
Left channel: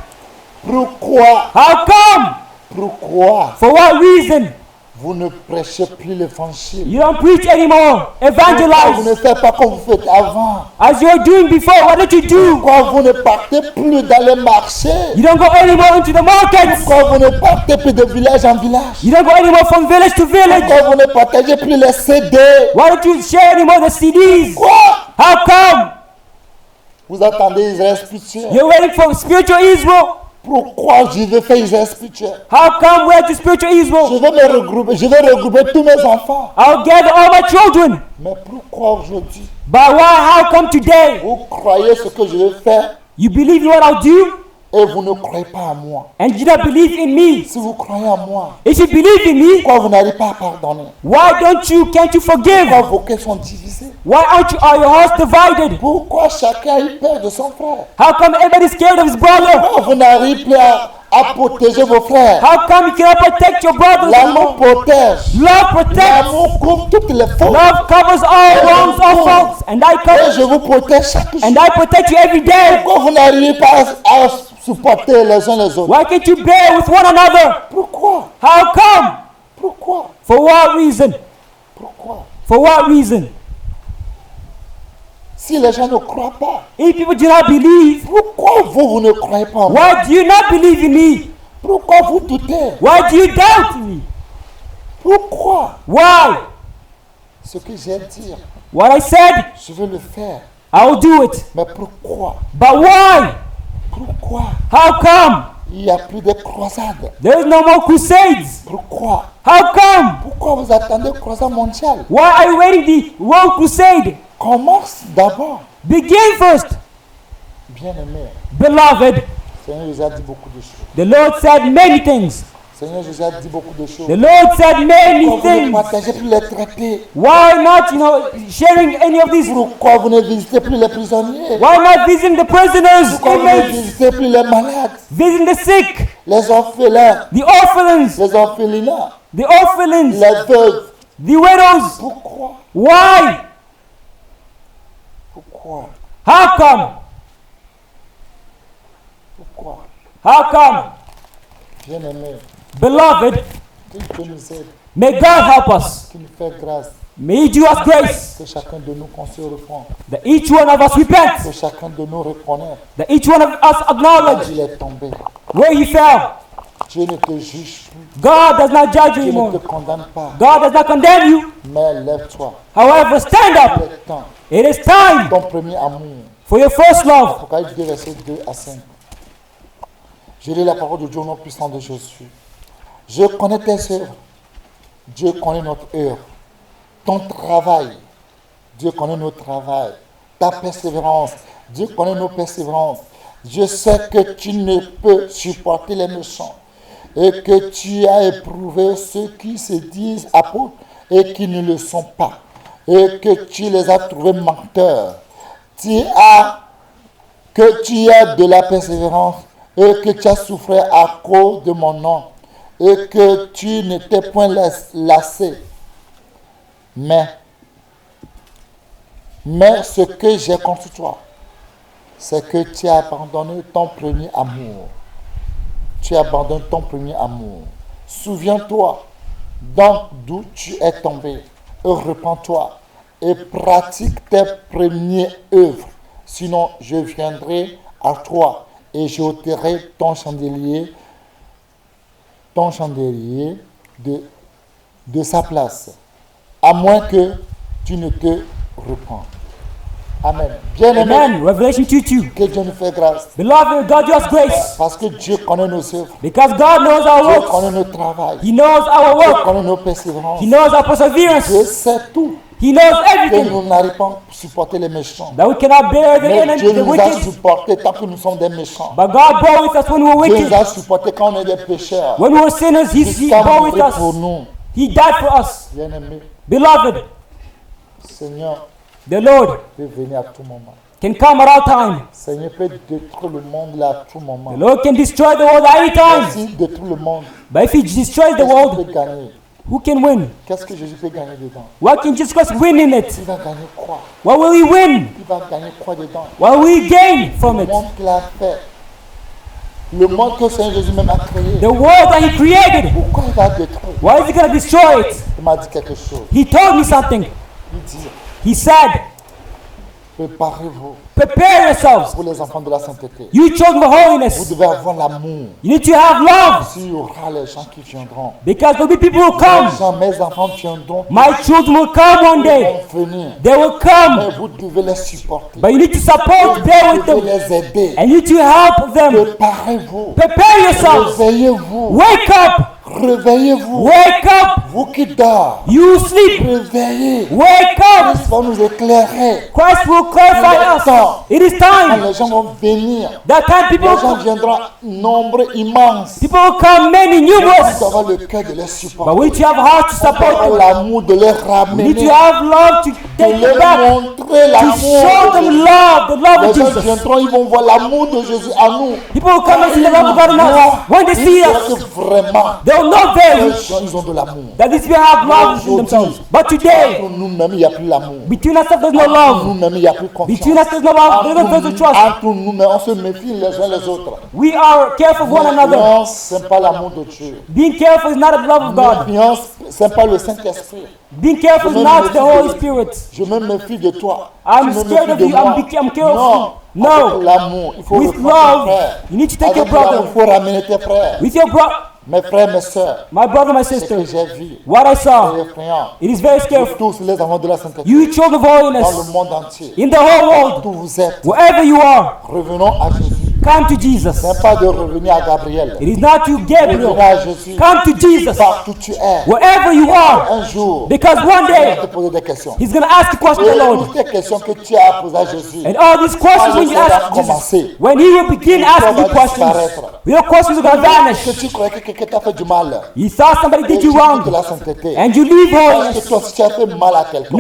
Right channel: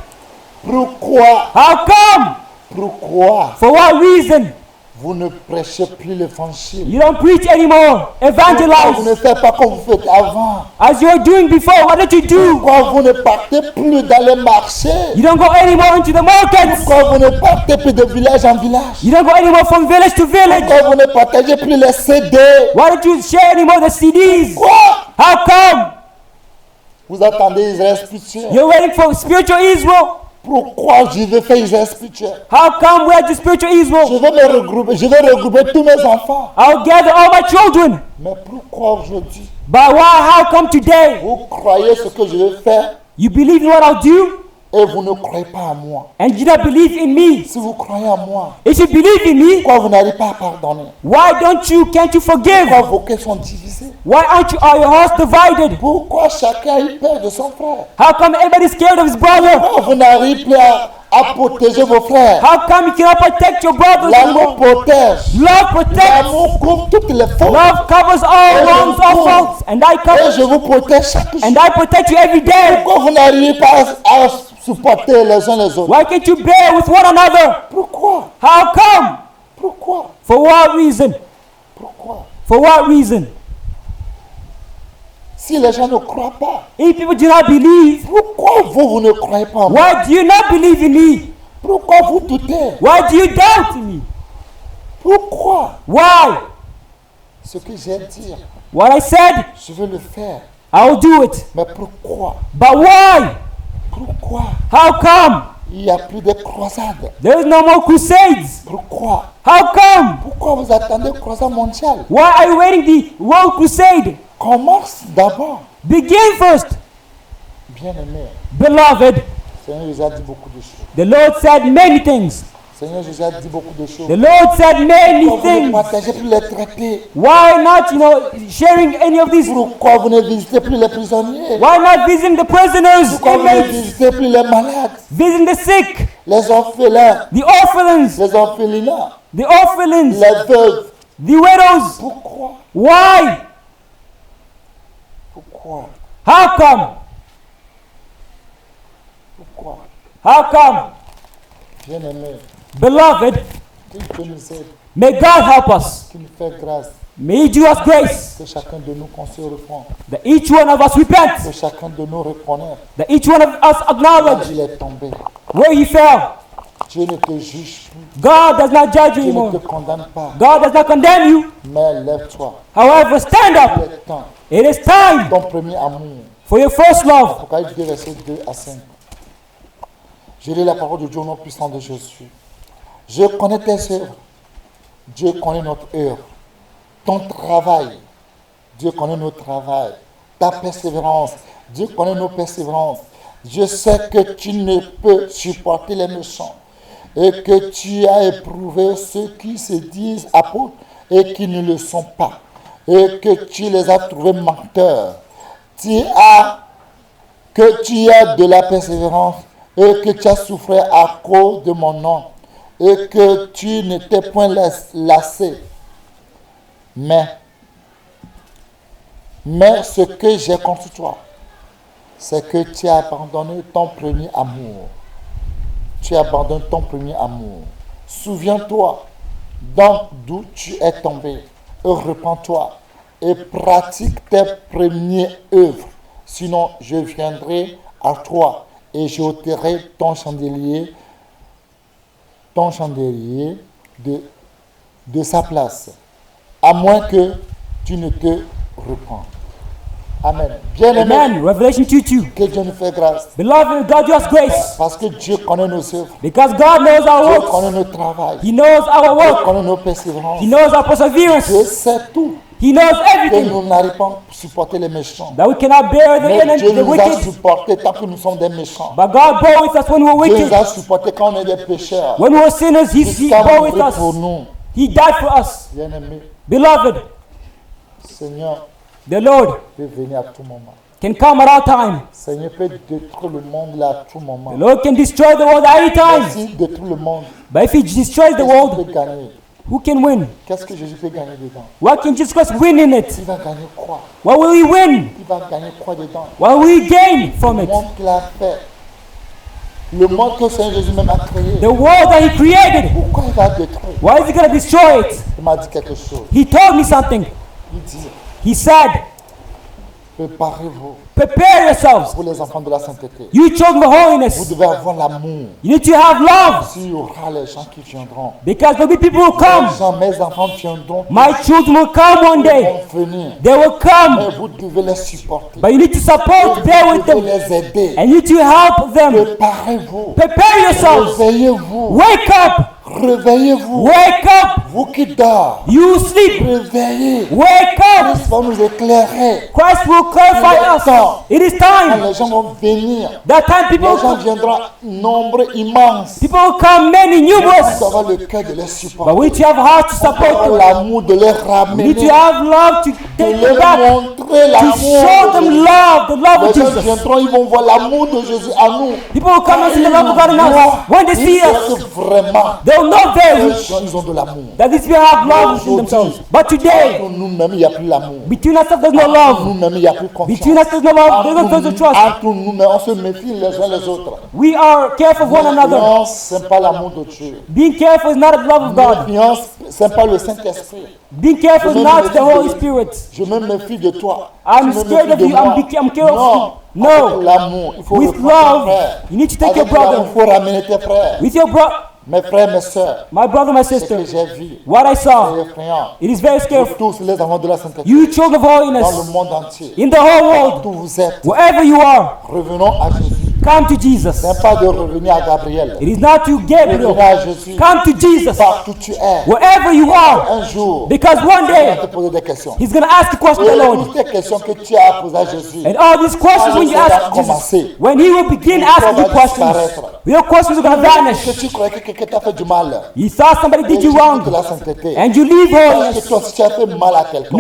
pourquoi, How come? pourquoi For what reason? vous ne prêchez plus l'évangile? You don't preach anymore. And Pourquoi vous that's ne faites pas comme vous faites avant? as you were doing before. What did you do? Pourquoi vous ne partez plus dans les marchés? You don't go anymore to the market. Pourquoi vous ne partez plus de village en village? You don't go anymore from village to village. Pourquoi vous ne partagez plus les CD? Why don't you share anymore with CDs? Quoi? How come? Vous attendez Israël spirituel. You're waiting for spiritual Israel. Pourquoi je vais faire Israël spirituel? How come we have spiritual Je Israel? vais me regrouper, je vais regrouper tous mes enfants. I'll gather all my children. Mais pourquoi aujourd'hui But how come today? vous croyez ce que je vais faire You believe what I'll do, et vous ne croyez pas en moi? and you don't believe in me. Si vous croyez en moi, If you believe in me, pourquoi vous n'arrivez pas à pardonner? why don't you take it for Pourquoi granted? vos cœurs sont divisés? Why aren't our hearts divided? Pourquoi chacun a eu peur de son frère? How come every scared of his brother? Pourquoi vous n'arrivez plus à protéger vos frères? How come you cannot protect your brother? L'amour protège. Love protects. L'amour couvre toutes les fautes. Love covers Et je all vous couvre. and Et je vous protège chaque jour. I protect every day. Pourquoi vous n'arrivez pas à supporter les uns les autres? Why can't you bear with one another? Pourquoi? How come? Pourquoi? For what reason? Pourquoi? For what reason? Si les gens ne croient pas, If you do not believe, pourquoi vous ne croyez pas en moi? why do you not believe in me? Pourquoi vous doutez? Why do you doubt me? Pourquoi? Why? Ce que j'ai dit, What I said, je veux le faire. I'll do it. Mais pourquoi? But why? Pourquoi? How come? Il n'y a plus de croisades. There is no more crusades. Pourquoi? How come? Pourquoi vous attendez croisade mondiale? Why are you waiting? One crusade. Commence d'abord. Begin first. Bien-aimé, Beloved, Seigneur Jésus a dit beaucoup de choses. the Lord said many things. Seigneur Jésus a dit beaucoup de choses. The Lord said Pourquoi many vous ne things. partagez plus les traités? Why not to checking any of these? Pourquoi vous ne visitez plus les prisonniers? Why are you visiting the prisoners? Pourquoi vous ne visitez plus les malades, Visiting the sick, les orphelins, the orphans, les orphelinats, the orphans, les veuves? the widows? Pourquoi? Why? Pourquoi? How come? Pourquoi? How come? Bien-aimés, Beloved, que Dieu nous aide, may God help us. qu'il nous fait grâce, May He give us grace. que chacun de nous qu'on se reprend, That each one of us repent. que chacun de nous reconnaît. That each one of us Là, acknowledge il est tombé. where we fell. Dieu ne te juge plus, God does not judge Dieu ne you. te condamne pas, God does not condemn you. mais lève-toi. However, stand Il up. est temps. It is time Ton premier amour. for your first love. Apocalypse 2, versets 2 à 5. Je lis la parole de Dieu au nom puissant de Jésus. Je connais tes œuvres. Dieu connaît notre œuvre. Ton travail. Dieu connaît notre travail. Ta persévérance. Dieu connaît nos persévérances. Je sais que tu ne peux supporter les méchants et que tu as éprouvé ceux qui se disent apôtres et qui ne le sont pas, et que tu les as trouvés menteurs. Que tu as de la persévérance et que tu as souffert à cause de mon nom et que tu n'étais point lassé. Mais ce que j'ai contre toi, c'est que tu as abandonné ton premier amour. Tu abandonnes ton premier amour. Souviens-toi donc d'où tu es tombé et repens-toi et pratique tes premières œuvres. Sinon, je viendrai à toi et j'ôterai ton chandelier de sa place, à moins que tu ne te repens. Amen. Bien-aimé, que Dieu nous fait grâce. Beloved, God does grace. Parce que Dieu connaît nos œuvres. Because God knows our Dieu work. connaît notre travail. He knows our Dieu work. connaît nos persévérances. He knows our perseverance. Dieu sait tout. He knows Que everything. nous n'arrivons pas à supporter les méchants. That we cannot bear Mais against Dieu the nous a wicked. supportés tant que nous sommes des méchants. But God knows that when we're Dieu nous a wicked, supportés quand on est des pécheurs. when we're sinners, Jusqu'à mourir pour nous. He died for us. Bien-aimé, Beloved, Seigneur the Lord peut venir à tout moment. can come at all times. Seigneur peut détruire le monde là à tout moment. Lord can destroy the world at any time. S'il détruit le monde, But if He destroys qu'est-ce the qu'il world, peut gagner? who can win? Qu'est-ce que Jésus peut gagner dedans? What can Jesus win in it? Il va gagner quoi? What will we win? Il va gagner quoi dedans? What will we gain Le from it? monde qu'il a fait. Le monde que Seigneur Jésus même a créé. The world that He created. Pourquoi il va détruire? Why is He going to destroy it? Il m'a dit quelque chose. He told me something. Il dit, He said, préparez-vous prepare yourself. pour les enfants de la sainteté. You told the Vous holiness. devez avoir l'amour. You need to have love. S'il y aura les gens qui viendront, Because the people will les come. gens, mes enfants viendront My tous. children will come one Ils day. vont venir. They will come. Mais vous devez les supporter. But you need to Et support vous devez them. les aider. And you need to help them. Préparez-vous. Prepare yourself. Réveillez-vous. Wake up. Réveillez-vous. Wake up. Vous qui dormez, You sleep. réveillez. Wake up. Christ va nous éclairer. Christ will Il est come. temps. It is Quand time. les gens vont venir, That time les gens viendront nombre immense. people come in Mais you. on doit avoir le cœur de les supporter. We have hearts On to doit avoir support. l'amour de les ramener, We have love to de leur montrer l'amour de Jésus. Les love. gens viendront, ils vont voir l'amour de Jésus à nous. Quand ils nous voient, ils sauront que vraiment, ces gens, ils ont de l'amour. Mais aujourd'hui, entre nous-mêmes, il n'y a plus l'amour. Entre nous-mêmes, il n'y a plus confiance. Entre nous-mêmes, on se méfie les uns les autres. Méfiance, ce n'est pas l'amour de Dieu. Méfiance, ce n'est pas le Saint-Esprit. Je me méfie de toi. Tu me méfies de moi. Non, avec l'amour, il faut reprendre ton frère. Avec l'amour, il faut ramener tes frères. Mes frères, mes soeurs, ce que j'ai vu, c'est effrayant. Vous tous, les enfants de la sainteté, dans le monde entier, partout où vous êtes, revenons à Jésus. Ce n'est pas de revenir à Gabriel. Revenez à Jésus. Partout où tu es. Parce qu'un jour, il va te poser des questions. Et toutes les questions que tu as posées à Jésus, quand le Seigneur a commencé, pourquoi va disparaître? Tout ce que tu croyais que quelqu'un t'a fait du mal, et tu quittes la sainteté, Parce que toi aussi tu as fait mal à quelqu'un.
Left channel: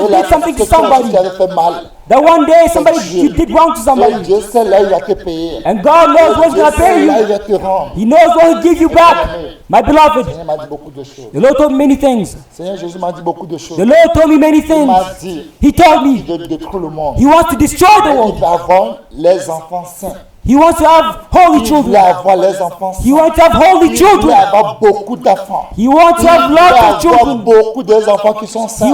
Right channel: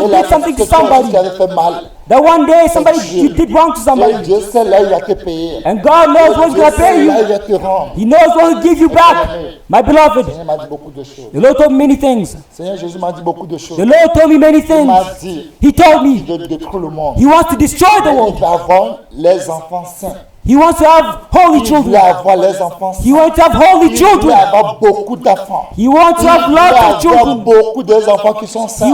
Et là, parce que toi aussi tu avais fait mal. C'est Dieu. Et Dieu seul là, il va te payer. Et Dieu seul là, il va te rendre. Seigneur m'a dit beaucoup de choses. Seigneur Jésus m'a dit beaucoup de choses. Il m'a dit qu'il veut détruire le monde. Mais il va avoir les enfants saints. Il voulait avoir les enfants saints. Il voulait avoir beaucoup d'enfants. Il voulait avoir beaucoup des enfants qui sont saints.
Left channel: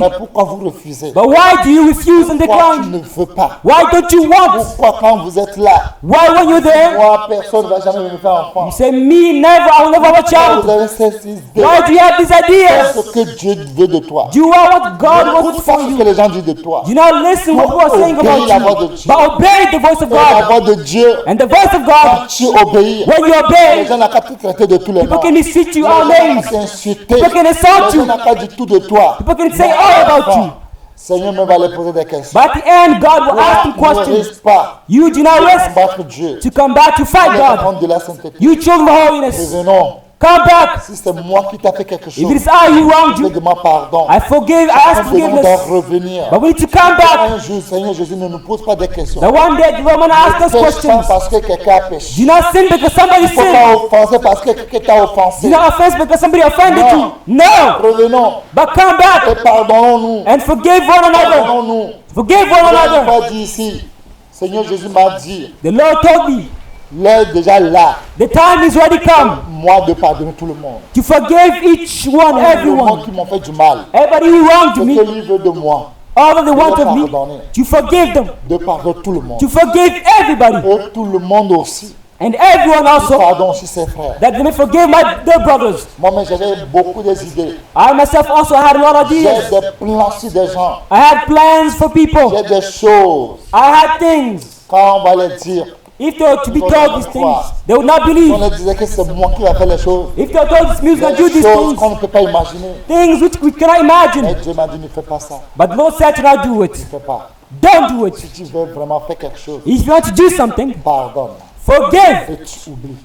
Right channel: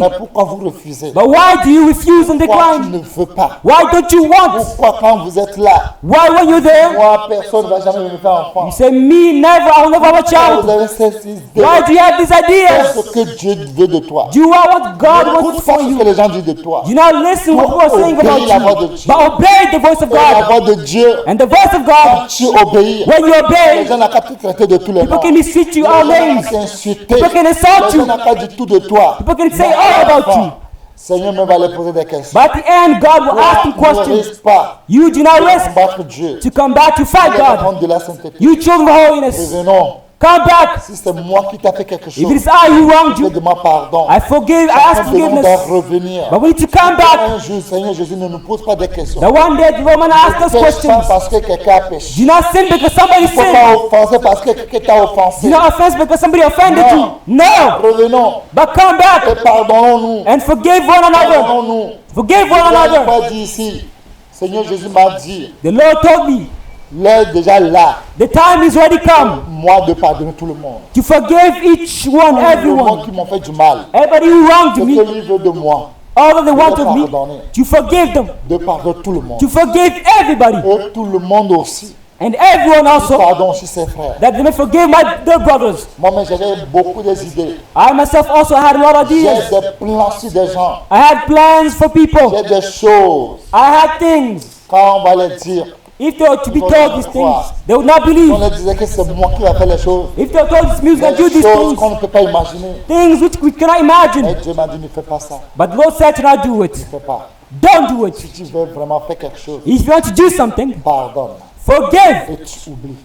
Mais pourquoi vous refusez? Pourquoi tu ne veux pas? Pourquoi quand vous êtes là, moi personne ne va jamais me faire enfant? Pourquoi vous avez cette idée? Fais ce que Dieu veut de toi. N'écoute pas ce que les gens disent de toi. Toi, obéis la voix de Dieu. Et la voix de Dieu, quand tu obéis, les gens n'ont qu'à te traiter de tous les noms. Les gens n'ont qu'à t'insulter. Les gens n'ont qu'à dire tout de toi. Mais à la fin, Seigneur me va les poser des questions. Toi, ne risque pas de combattre Dieu. On les enfants de la sainteté. Revenons. Si c'est moi qui t'ai fait quelque chose, je te demande pardon. Chacun de nous doit revenir. Un jour, Seigneur Jésus, ne nous pose pas des questions. Ne pêche pas parce que quelqu'un a péché. Il ne faut pas offenser parce que quelqu'un t'a offensé. Non. Revenons et pardonnons-nous. Pardonnons-nous. Je dois dire ici, Seigneur Jésus m'a dit, l'heure est déjà là. Moi de pardonner tout le monde. Tout le monde qui m'a fait du mal. Ce que lui veut de moi. De le pardonner. De pardonner tout le monde. Et tout le monde aussi. Il pardonne aussi ses frères. Moi-même j'avais beaucoup d'idées. J'ai des plans sur des gens. J'ai des choses. Quand on va les dire, ils vont te croire. Si on leur disait que c'est moi qui vais faire les choses qu'on ne peut pas imaginer. Mais Dieu m'a dit, ne fais pas ça. Ne fais pas. Si tu veux vraiment faire quelque chose, pardonne. Et tu oublies.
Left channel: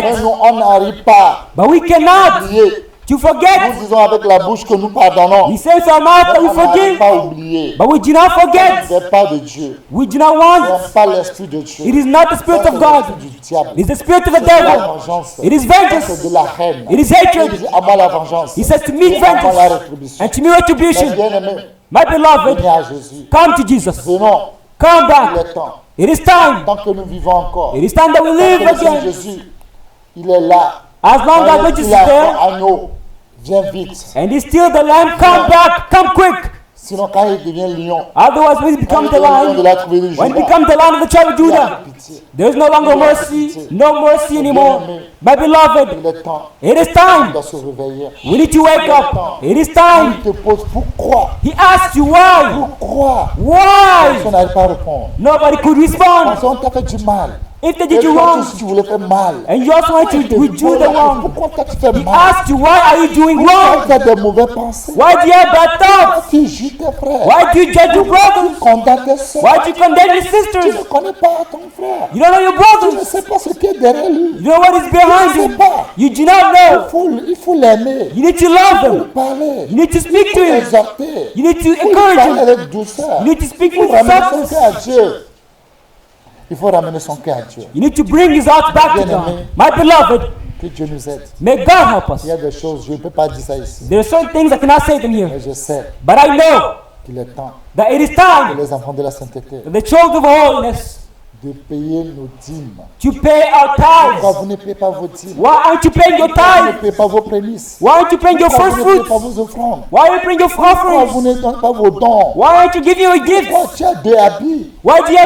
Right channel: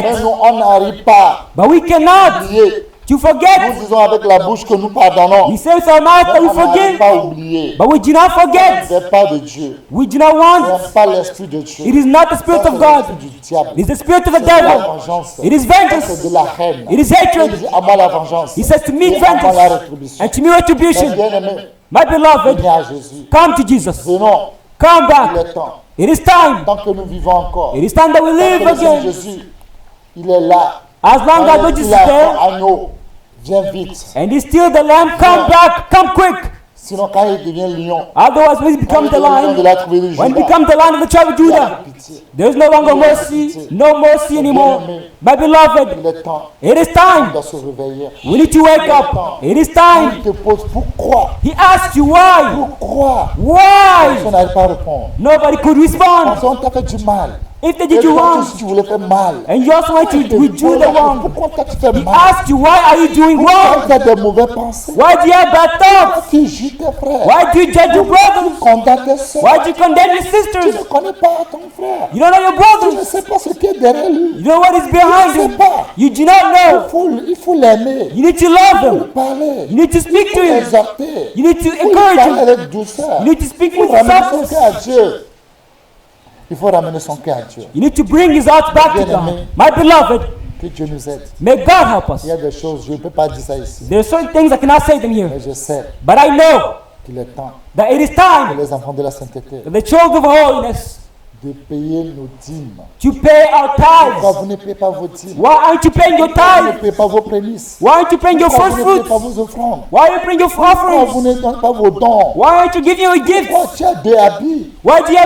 Mais nous, on n'arrive pas à oublier. Nous disons avec la bouche que nous pardonnons. Mais on n'arrive pas à oublier. Ça ne vient pas de Dieu. Ce n'est pas l'esprit de Dieu. Ça, c'est l'esprit du diable. C'est de la vengeance. Ça, c'est de la haine. Il dit à moi la vengeance et à moi la rétribution. Mais bien aimé, venez à Jésus. Venons. Il est temps. Tant que nous vivons encore. Tant que le Seigneur Jésus, il est là. Quand il est encore agneau, viens vite. Viens. Sinon, quand il devient lion, quand il devient lion de la tribu de Juda, il a plus pitié. Il a plus pitié. Mais bien aimé, il est temps. On doit se réveiller. Il est temps. Quand il te pose pourquoi, personne n'arrive pas à répondre. Parce qu'on t'a fait du mal. Et toi aussi tu voulais faire mal. Il te pose la question. Pourquoi toi tu fais mal? Pourquoi tu as des mauvaises pensées? Pourquoi tu juges tes frères? Pourquoi tu condamnes tes soeurs? Tu ne connais pas ton frère. Tu ne sais pas ce qui est derrière lui. Tu ne sais pas. Il faut l'aimer. Il faut lui parler. Il faut l'exhorter. Il faut lui parler avec douceur. Il faut ramener son cœur à Dieu. Il faut ramener son cœur à Dieu. Bien aimé, que Dieu nous aide. Il y a des choses, je ne peux pas dire ça ici. Mais je sais qu'il est temps que les enfants de la sainteté de payer nos dîmes. Pourquoi vous ne payez pas vos dîmes? Pourquoi vous ne payez pas vos prémices? Pourquoi vous ne payez pas vos offrandes? Pourquoi vous ne donnez pas vos dons? Pourquoi tu as 2 habits?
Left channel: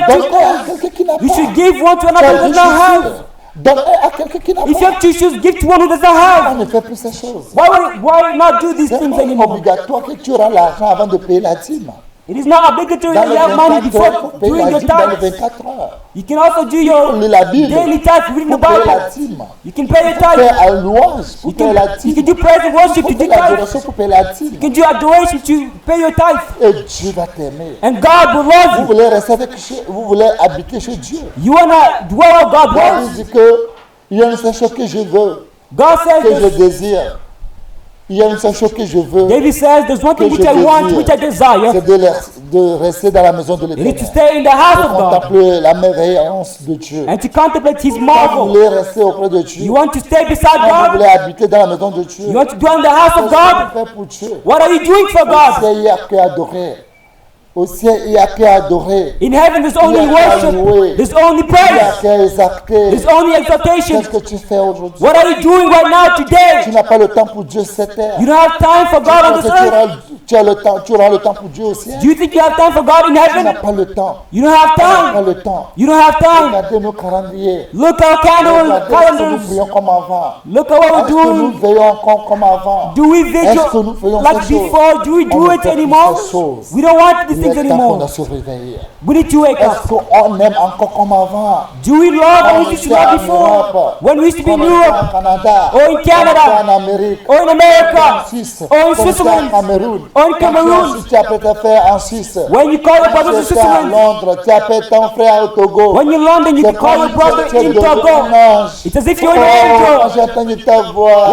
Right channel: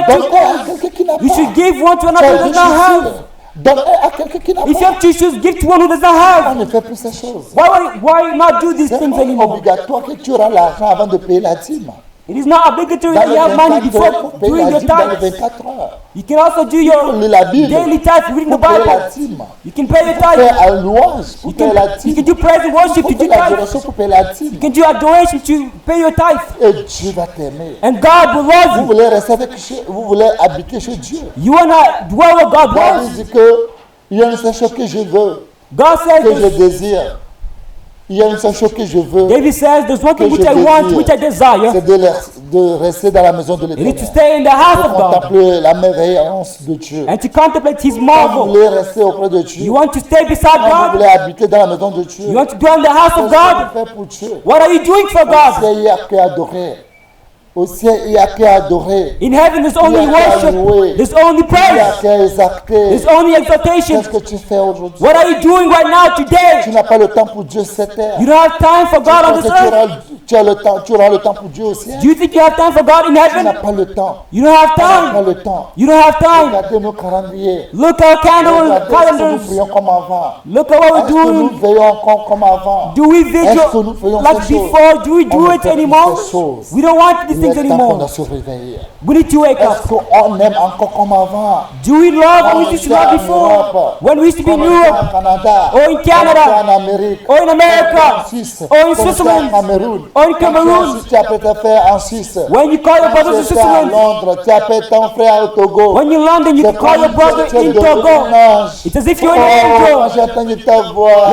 Donne-les à quelqu'un qui n'a pas. Tu as 2 chaussures. Donne-les à quelqu'un qui n'a pas. On ne fait plus ces choses. Ce n'est pas obligatoire que tu auras l'argent avant de payer la dîme. Dans les 24 heures, il faut payer la dîme dans les 24 heures. Il faut lire la Bible pour payer la dîme. Il faut faire un louange pour payer la dîme. Il faut faire l'adoration pour payer la dîme. Et Dieu va t'aimer. Vous voulez rester avec Dieu, vous voulez habiter chez Dieu. David dit que il y a une seule chose que je veux, que je désire, Il y a une seule chose que je veux, que je désire, c'est de rester dans la maison de l'Éternel, de contempler la merveillance de Dieu. Quand vous voulez rester auprès de Dieu, quand vous voulez habiter dans la maison de Dieu, qu'est-ce que vous faites pour Dieu? Au ciel, il n'y a qu'à adorer. Au ciel, il n'y a qu'à adorer. Il n'y a qu'à louer. Il n'y a qu'à exalter. Qu'est-ce que tu fais aujourd'hui? Tu n'as pas le temps pour Dieu cette terre. Tu crois que tu auras le temps pour Dieu au ciel? Tu n'as pas le temps. On n'a pas le temps. Regardez nos calendriers. Regardez, est-ce que nous prions comme avant? Est-ce que nous veillons encore comme avant? Est-ce que nous faisons ces choses? On ne fait plus ces choses. Il est temps qu'on a se réveiller. Est-ce qu'on aime encore comme avant? Quand on était en Europe, quand on était au Canada, quand on était en Amérique, quand on était en Suisse, quand on était au Cameroun, quand tu es en Suisse, tu as peut-être fait en Suisse, quand tu étais à Londres, tu as peut-être ton frère au Togo. C'est comme tu es devenu un ange. Oh, quand j'ai entendu ta voix,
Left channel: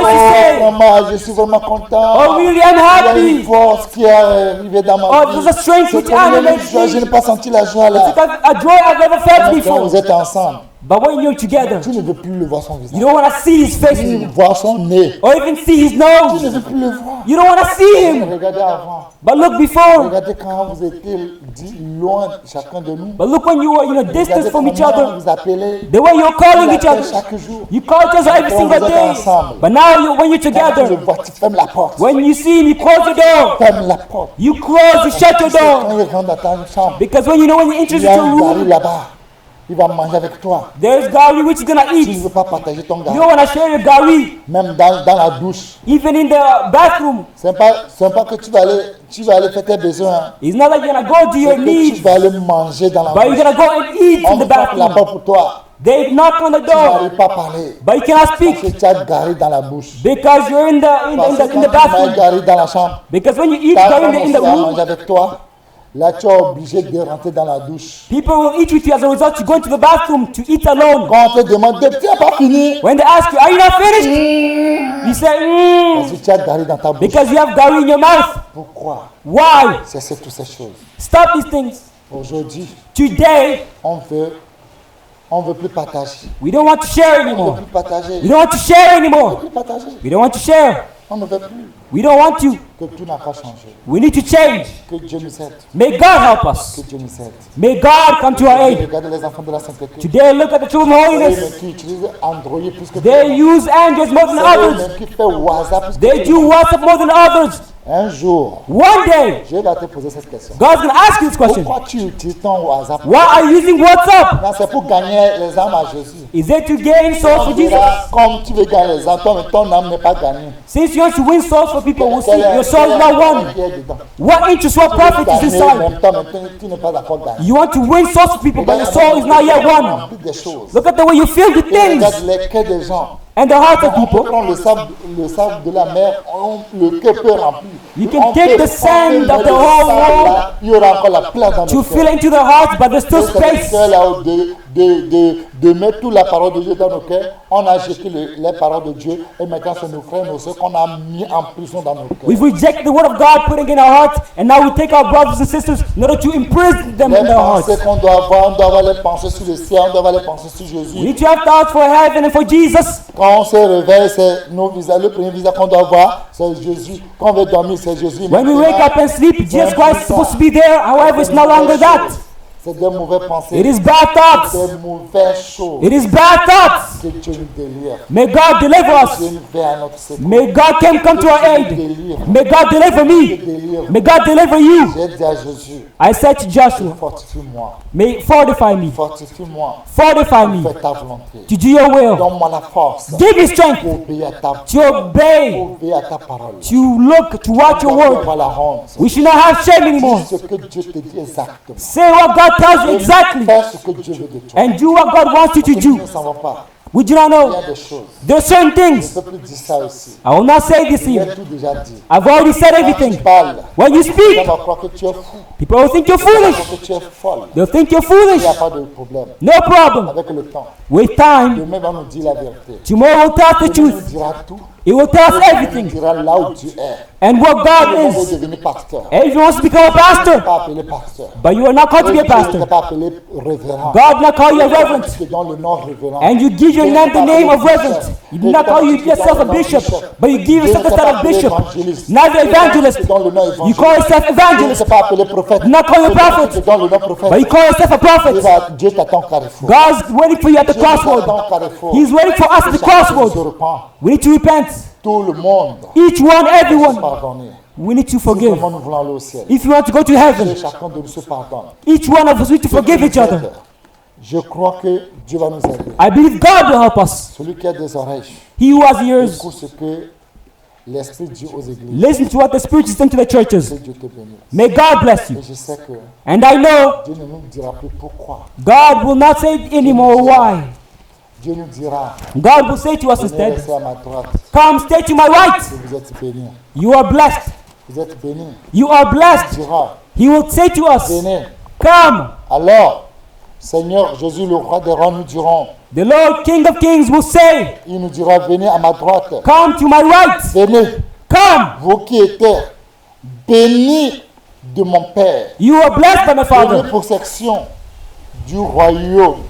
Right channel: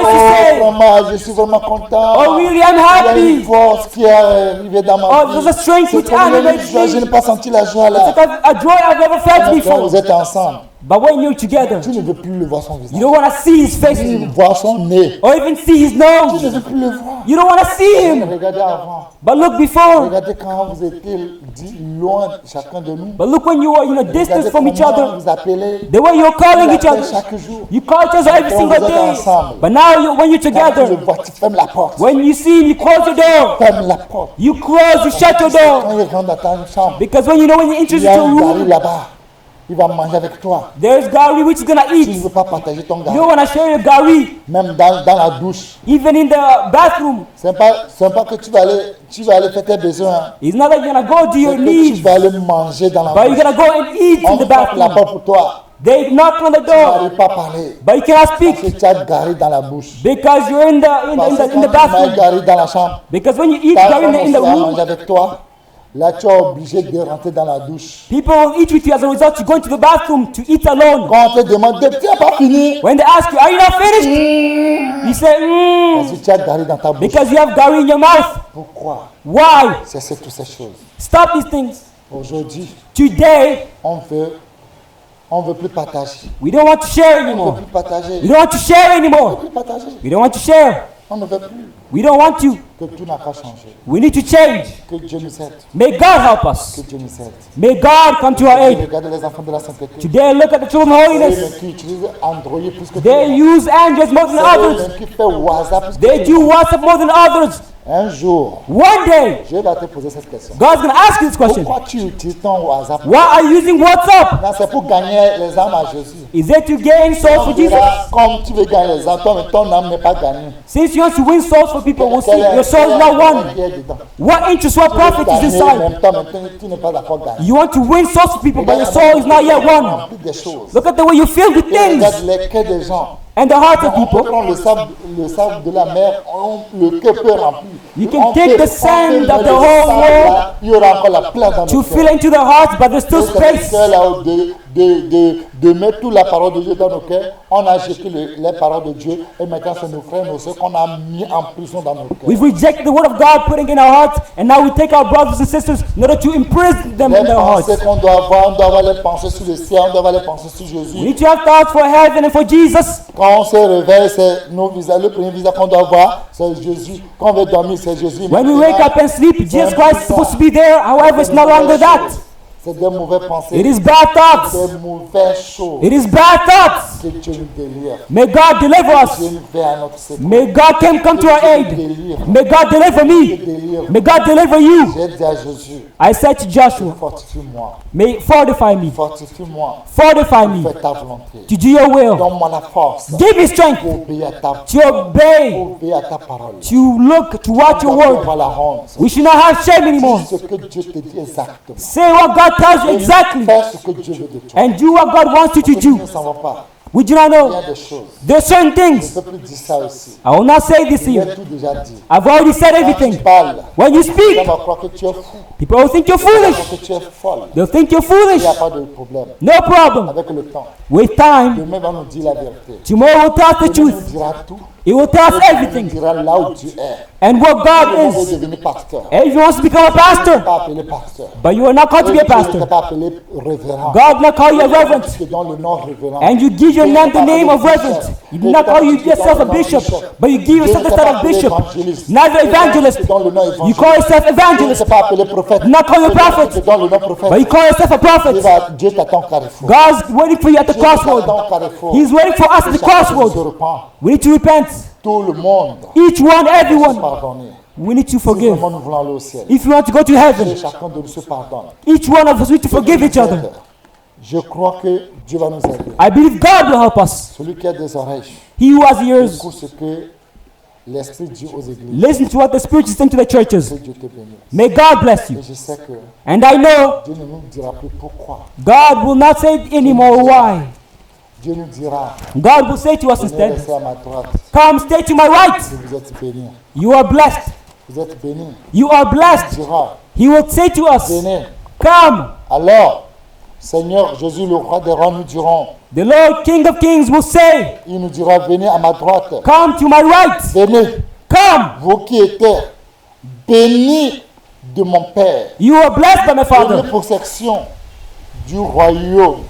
oh, vraiment, je suis vraiment content. Il y a une force qui est arrivée dans ma vie. C'est comme il y a une joie, je n'ai pas senti la joie là. Et maintenant, vous êtes ensemble. Tu ne veux plus le voir son visage, ni voir son nez. Tu ne veux plus le voir. Regardez avant. Regardez quand vous étiez loin chacun de nous. Regardez comment vous appelez. Il appelle chaque jour. Maintenant vous êtes ensemble. Quand tu le vois, tu fermes la porte. Ferme la porte. Parce que tu sais, quand il rentre dans ta chambre, il y a un gari là-bas. Il va manger avec toi. Tu ne veux pas partager ton gari. Même dans la douche. Ce n'est pas que tu vas aller faire tes besoins. C'est que tu vas aller manger dans la douche. On frappe la porte pour toi. Tu n'arrives pas à parler. Parce que tu as gari dans la bouche. Parce que quand tu mets gari dans la chambre, ta femme aussi va manger avec toi. Là, tu es obligé de rentrer dans la douche. Quand on te demande, tu n'as pas fini. Parce que tu as gari dans ta bouche. Pourquoi? C'est toutes ces choses. Aujourd'hui, on ne veut plus partager. On ne veut plus partager. On ne veut plus partager. On ne veut plus. Que tout n'a pas changé. Que Dieu nous aide. Que Dieu nous aide. Aujourd'hui, regardez les enfants de la sainteté. C'est eux-mêmes qui utilisent Android plus que tout le monde. C'est eux-mêmes qui font WhatsApp plus que tout le monde. Un jour, je vais te poser cette question. Pourquoi tu utilises ton WhatsApp? Non, c'est pour gagner les âmes à Jésus. On verra, comme tu veux gagner les âmes, ton âme n'est pas gagnée. Quel est l'intérêt qui est dedans? Tu veux gagner, même temps, maintenant, tu n'es pas d'accord gagner. Regarde comment on remplit des choses. Et regarde les cœurs des gens. Donc on peut prendre le sable de la mer, le cœur peut remplir. On peut mettre le sable là, il y aura encore la place dans nos cœurs. Et c'est le cœur là de mettre toute la parole de Dieu dans nos cœurs. On a jeté les paroles de Dieu et maintenant c'est nos frères, nos soeurs qu'on a mis en prison dans nos cœurs. Les pensées qu'on doit avoir, on doit avoir les pensées sur le ciel, on doit avoir les pensées sur Jésus. Quand on se réveille, c'est nos visages. Le premier visage qu'on doit voir, c'est Jésus. Quand on veut dormir, c'est Jésus. Maintenant, c'est un peu ça. C'est des mauvaises choses. C'est des mauvaises pensées. C'est des mauvaises choses. Que Dieu nous délivre. Que Dieu nous veille à notre secours. Que Dieu nous délivre. Que Dieu nous délivre. J'ai dit à Jésus, fortifie-moi. Fortifie-moi pour faire ta volonté. Donne-moi la force pour obéir à ta parole. On ne doit plus avoir la honte. Dis ce que Dieu te dit exactement. Et fais ce que Dieu veut de toi. Parce que nous ne savons pas. We don't Il y know. a des choses. There's certain Je ne things. peux plus dire ça aussi. I will not say Je it. vous ai tout déjà dit. I've already said Quand tu everything. parles, When you les speak, gens vont croire que tu es fou. don't think you're Les gens vont croire foolish. que tu es folle. Don't think you're Il n'y a foolish. pas de problème. No problem. Avec le temps, With time, demain va nous dire la vérité. tomorrow will tell Demain you. nous dira tout. It will Et tell demain nous you. dira là où tu es. And what Si le God monde est devenu pasteur, and you want to go tu ne faster, t'es pas appelé pasteur. but you're not Et going Dieu ne to t'a pas appelé révérend. Et quand tu te donnes le nom révérend, Dieu ne t'a pas appelé bishop. Et quand tu te donnes le nom bishop, Dieu ne t'a pas appelé évangéliste. Et quand tu te donnes le nom évangéliste, Dieu ne t'a pas appelé prophète. Et quand tu te donnes le nom prophète, Dieu t'attend au carrefour. Dieu nous attend au carrefour. Que chacun de nous se repent. Tout le monde doit se pardonner. Si vraiment nous voulons aller au ciel, que chacun de nous se pardonne. Que Dieu nous aide. Je crois que Dieu va nous aider. Celui qui a des oreilles, écoute ce que l'Esprit dit aux églises. Que Dieu te bénisse. Et je sais que Dieu ne nous dira plus pourquoi. Dieu nous dira, venez rester à ma droite. Que vous êtes bénis. Vous êtes bénis. Il dira, venez. Alors, Seigneur Jésus, le roi des rois, nous dirons, il nous dira, venez à ma droite. Venez, vous qui étiez bénis de mon Père. Prenez possession du royaume.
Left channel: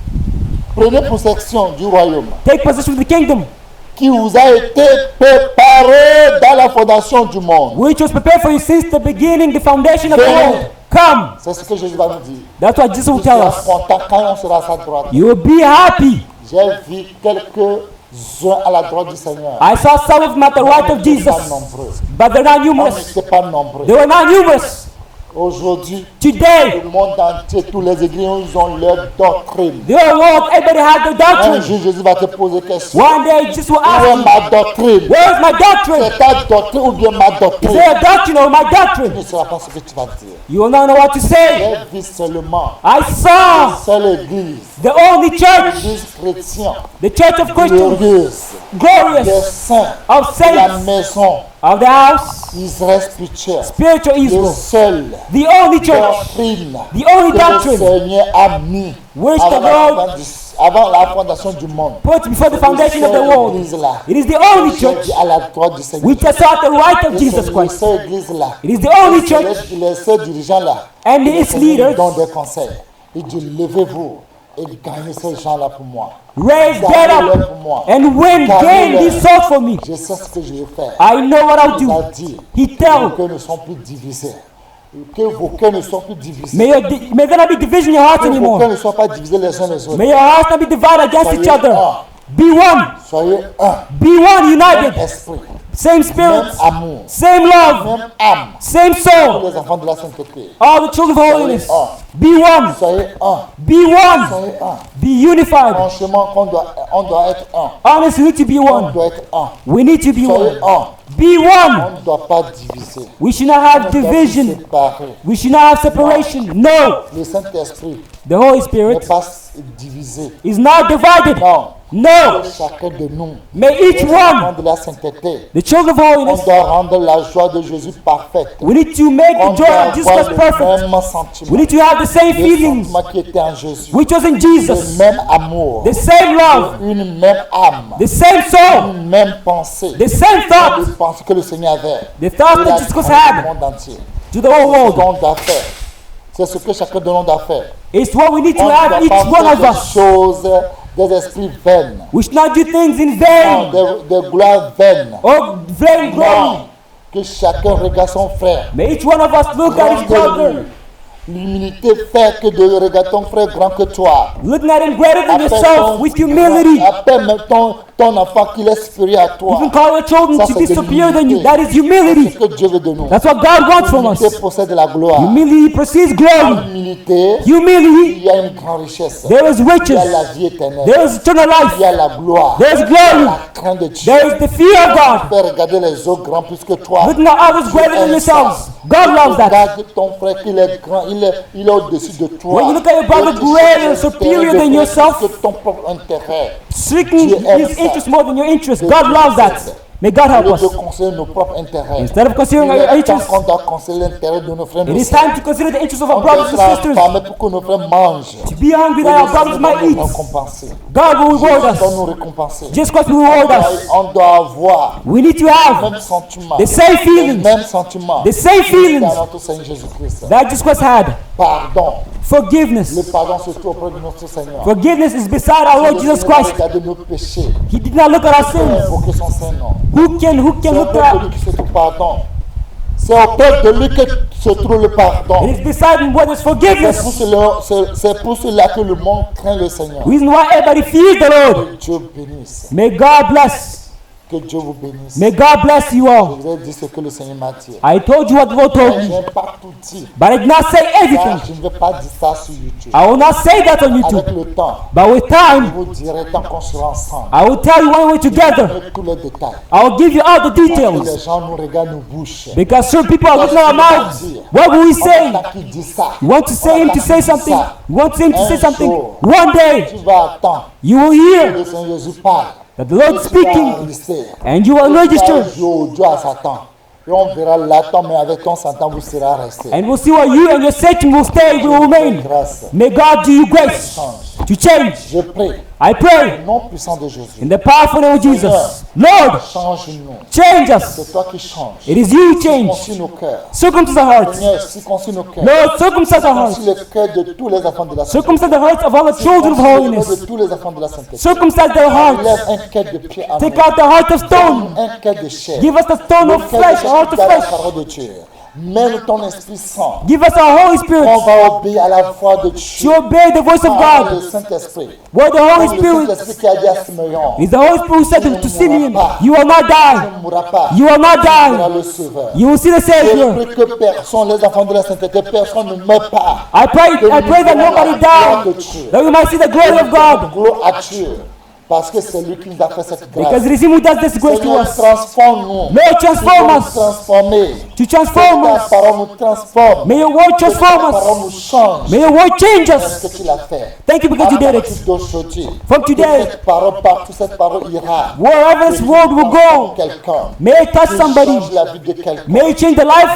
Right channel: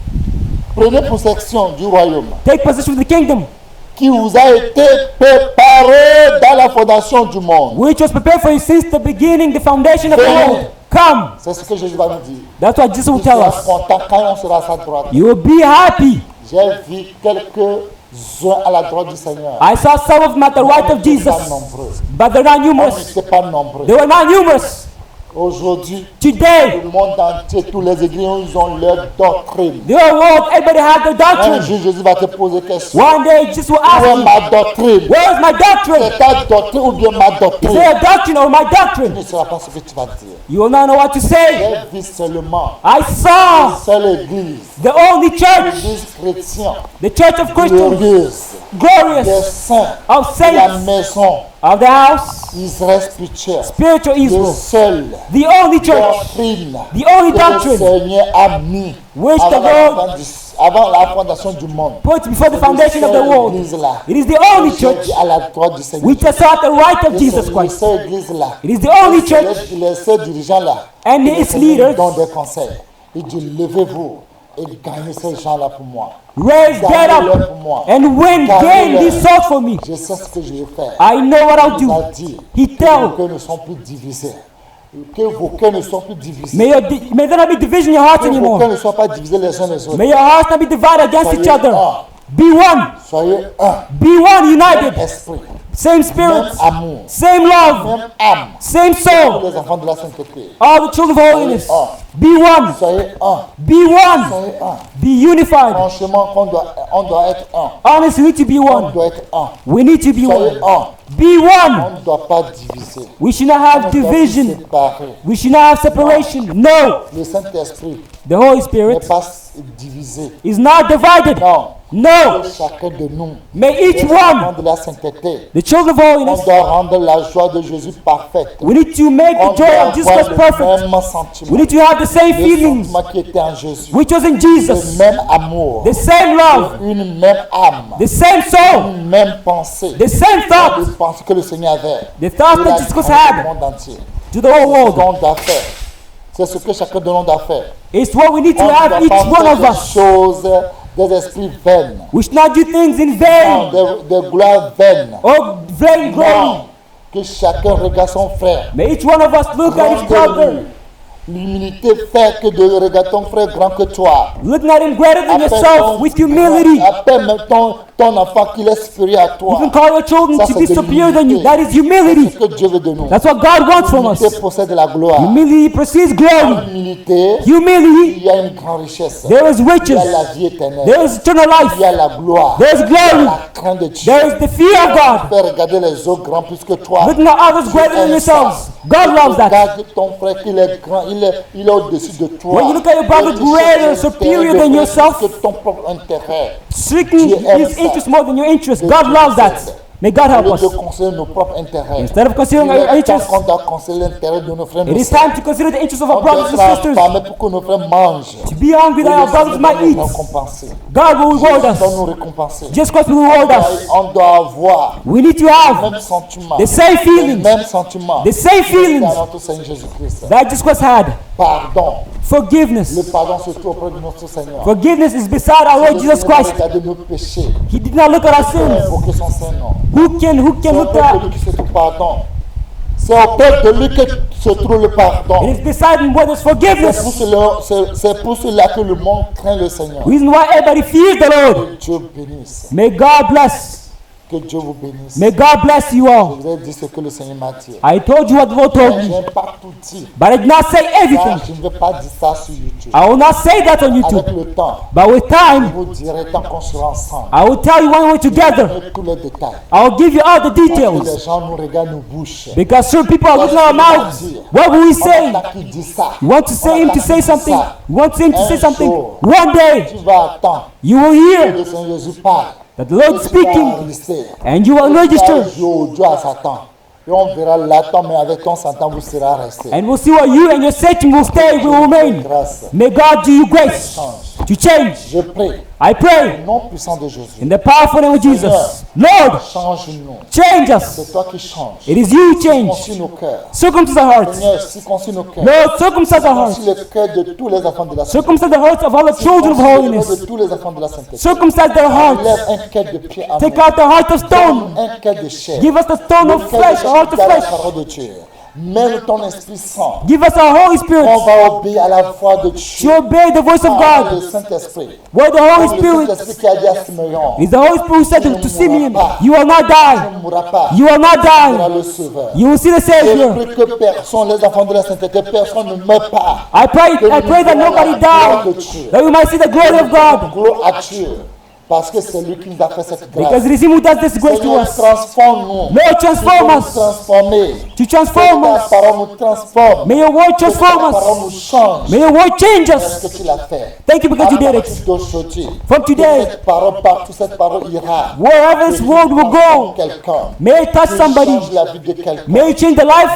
Prenez possession du royaume qui vous a été préparé dans la fondation du monde. Venez. C'est ce que Jésus va nous dire. Tu seras content quand on sera à sa droite. J'ai vu quelques-uns à la droite du Seigneur. Mais on n'était pas nombreux. On n'était pas nombreux. Aujourd'hui, le monde entier, tous les églises, ils ont leur doctrine. Un jour, Jésus va te poser question. Où est ma doctrine? C'est ta doctrine ou bien ma doctrine? Tu ne sauras pas ce que tu vas dire. J'ai vu seulement une seule église, l'église chrétienne, glorieuse, des saints de la maison Israël spirituel, le seul doctrine que le Seigneur a mis avant la fondation du monde. C'est le seul église là que j'ai vu à la droite du Seigneur Jésus. Et c'est le seul église là. Et c'est les seuls dirigeants là que le Seigneur nous donne des conseils. Il dit, levez-vous et gagnez ces gens-là pour moi. Gagnez-les pour moi. Gagnez-les. Je sais ce que je vais faire. Il nous a dit que vos cœurs ne sont plus divisés. Que vos cœurs ne soient plus divisés. Que vos cœurs ne soient pas divisés les uns les autres. Soyez un. Soyez un. Même esprit. Même amour. Même âme. Pour les enfants de la sainteté. Soyez un. Soyez un. Soyez un. Franchement, on doit être un. On doit être un. Soyez un. On ne doit pas diviser. On ne doit plus séparer. Non. Le Saint-Esprit n'est pas divisé. Non. Que chacun de nous, les enfants de la sainteté, on doit rendre la joie de Jésus parfaite. On doit avoir le même sentiment. Le sentiment qui était en Jésus. Le même amour. Une même âme. Une même pensée. Une pensée que le Seigneur avait. Il a gagné le monde entier. C'est ce qu'on doit faire. C'est ce que chacun de nous doit faire. On ne doit pas faire des choses, des esprits vaines. Non, des gloires vaines. Non, que chacun regarde son frère. Grand que lui. L'humilité fait que de regarder ton frère grand que toi. Appelle même ton enfant qu'il est supérieur à toi. Ça, c'est de l'humilité. C'est ce que Dieu veut de nous. L'humilité possède la gloire. Dans l'humilité, il y a une grande richesse. Il y a la vie éternelle. Il y a la gloire. Il y a la crainte de Dieu. Quand tu fais regarder les autres grands plus que toi, Dieu aime ça. Tu regardes ton frère qu'il est grand, il est au-dessus de toi. Et tu cherches l'intérêt de frère plus que ton propre intérêt. Dieu aime ça. Que Dieu nous aide. Au lieu de conseiller nos propres intérêts, il est temps qu'on doit conseiller l'intérêt de nos frères, nos sœurs. On doit être affamés pour que nos frères mangent. Et le Seigneur va nous récompenser. Jésus va nous récompenser. On doit avoir les mêmes sentiments. Les mêmes sentiments qui étaient à notre Seigneur Jésus-Christ. Pardon. Le pardon se trouve auprès de notre Seigneur. Si le Seigneur va regarder nos péchés, il peut invoquer son Saint-Nom. C'est auprès de lui que se trouve le pardon. C'est auprès de lui que se trouve le pardon. C'est pour cela que le monde craint le Seigneur. Que Dieu bénisse. Que Dieu vous bénisse. Je vous ai dit ce que le Seigneur m'a dit. Mais je n'ai pas tout dit. Ça, je ne vais pas dire ça sur YouTube. Avec le temps, je vous dirai tant qu'on sera ensemble. Je vous donnerai tous les détails. Parce que les gens nous regardent, nous bouchent. Qu'est-ce qu'il va dire? On attend qu'il dise ça. On attend qu'il dise ça. Un jour, tu vas attendre que le Seigneur Jésus parle. Et tu vas rester. Et tu vas jouer au Dieu à Satan. Et on verra là-dedans, mais avec ton Satan, vous serez resté. Que Dieu vous fait grâce. Je change. Je prie au nom puissant de Jésus. Seigneur, change-nous. C'est toi qui changes. Circoncis nos cœurs. Seigneur, circoncis nos cœurs. Circoncis le cœur de tous les enfants de la sainteté. Circoncis le cœur de tous les enfants de la sainteté. Enlève un cœur de pied à nous. Donne-nous un cœur de chair. Le cœur de chair qui garde la parole de Dieu. Mets-nous ton Esprit Saint. On va obéir à la voix de Dieu. Quand on a le Saint-Esprit. Comme le Saint-Esprit qui a dit à Simeon, tu ne mourras pas. Tu ne mourras pas. Tu seras le Sauveur. Je prie que personne, les enfants de la sainteté, personne ne meurt pas. Que nous verrons la gloire de Dieu. Que nous donnons gloire à Dieu. Parce que c'est lui qui nous a fait cette grâce. Seigneur, transforme-nous. Il faut nous transformer. Que ta parole nous transforme. Que ta parole nous change. Est-ce que tu l'as fait? À partir d'aujourd'hui, que cette parole ira. Que tu transformes quelqu'un. Que tu changes la vie de quelqu'un.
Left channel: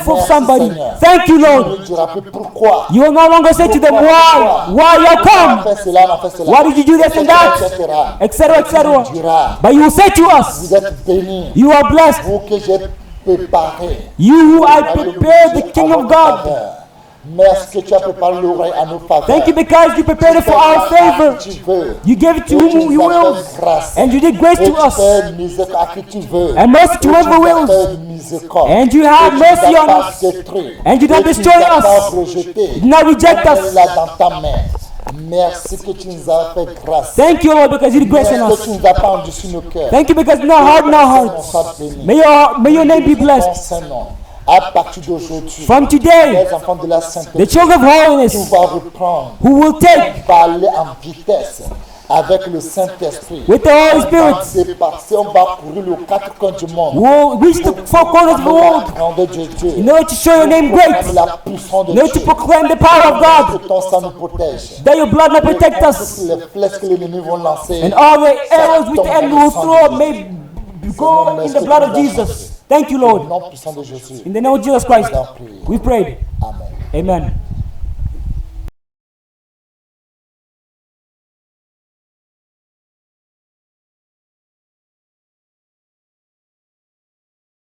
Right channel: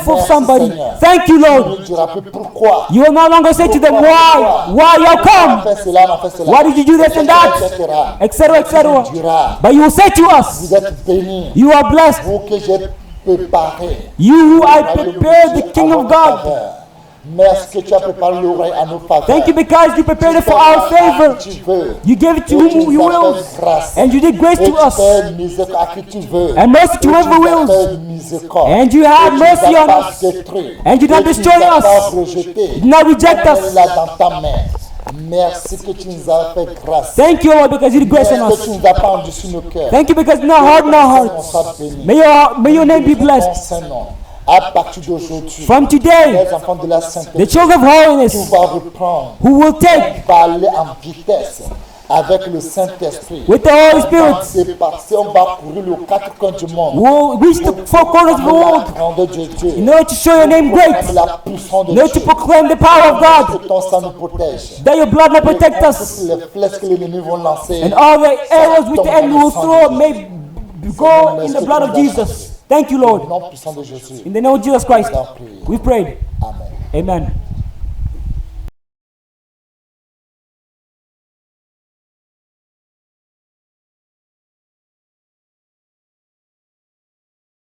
Merci Seigneur. Tu ne nous diras plus pourquoi. Pourquoi on a fait cela, on a fait cela. Etc. Mais tu nous diras, vous êtes bénis, vous que j'ai préparé le royaume de Dieu à votre faveur. Merci que tu as préparé le royaume à nos faveurs. Tu fais grâce à qui tu veux. Et tu nous as fait grâce. Et tu fais miséricorde à qui tu veux. Et tu nous as fait miséricorde. Et tu ne nous as pas détruit. Et tu ne nous as pas rejeté. On est là dans ta main. Merci que tu nous as fait grâce. Merci que tu nous as pas endurci nos cœurs. Que ton Saint-Nom soit béni. Nous bénissons ton Saint-Nom. À partir d'aujourd'hui, les enfants de la sainteté, tout va reprendre. On va aller en vitesse avec le Saint-Esprit. On va dépasser, on va courir les quatre coins du monde pour proclamer la grandeur de Dieu, pour proclamer la puissance de Dieu. Que ton sang nous protège. Et quand toutes les flèches que l'ennemi vont lancer, ça tombe dans le sang de Jésus. Seigneur, merci que tu nous as changé. Au nom puissant de Jésus, nous avons prié. Amen.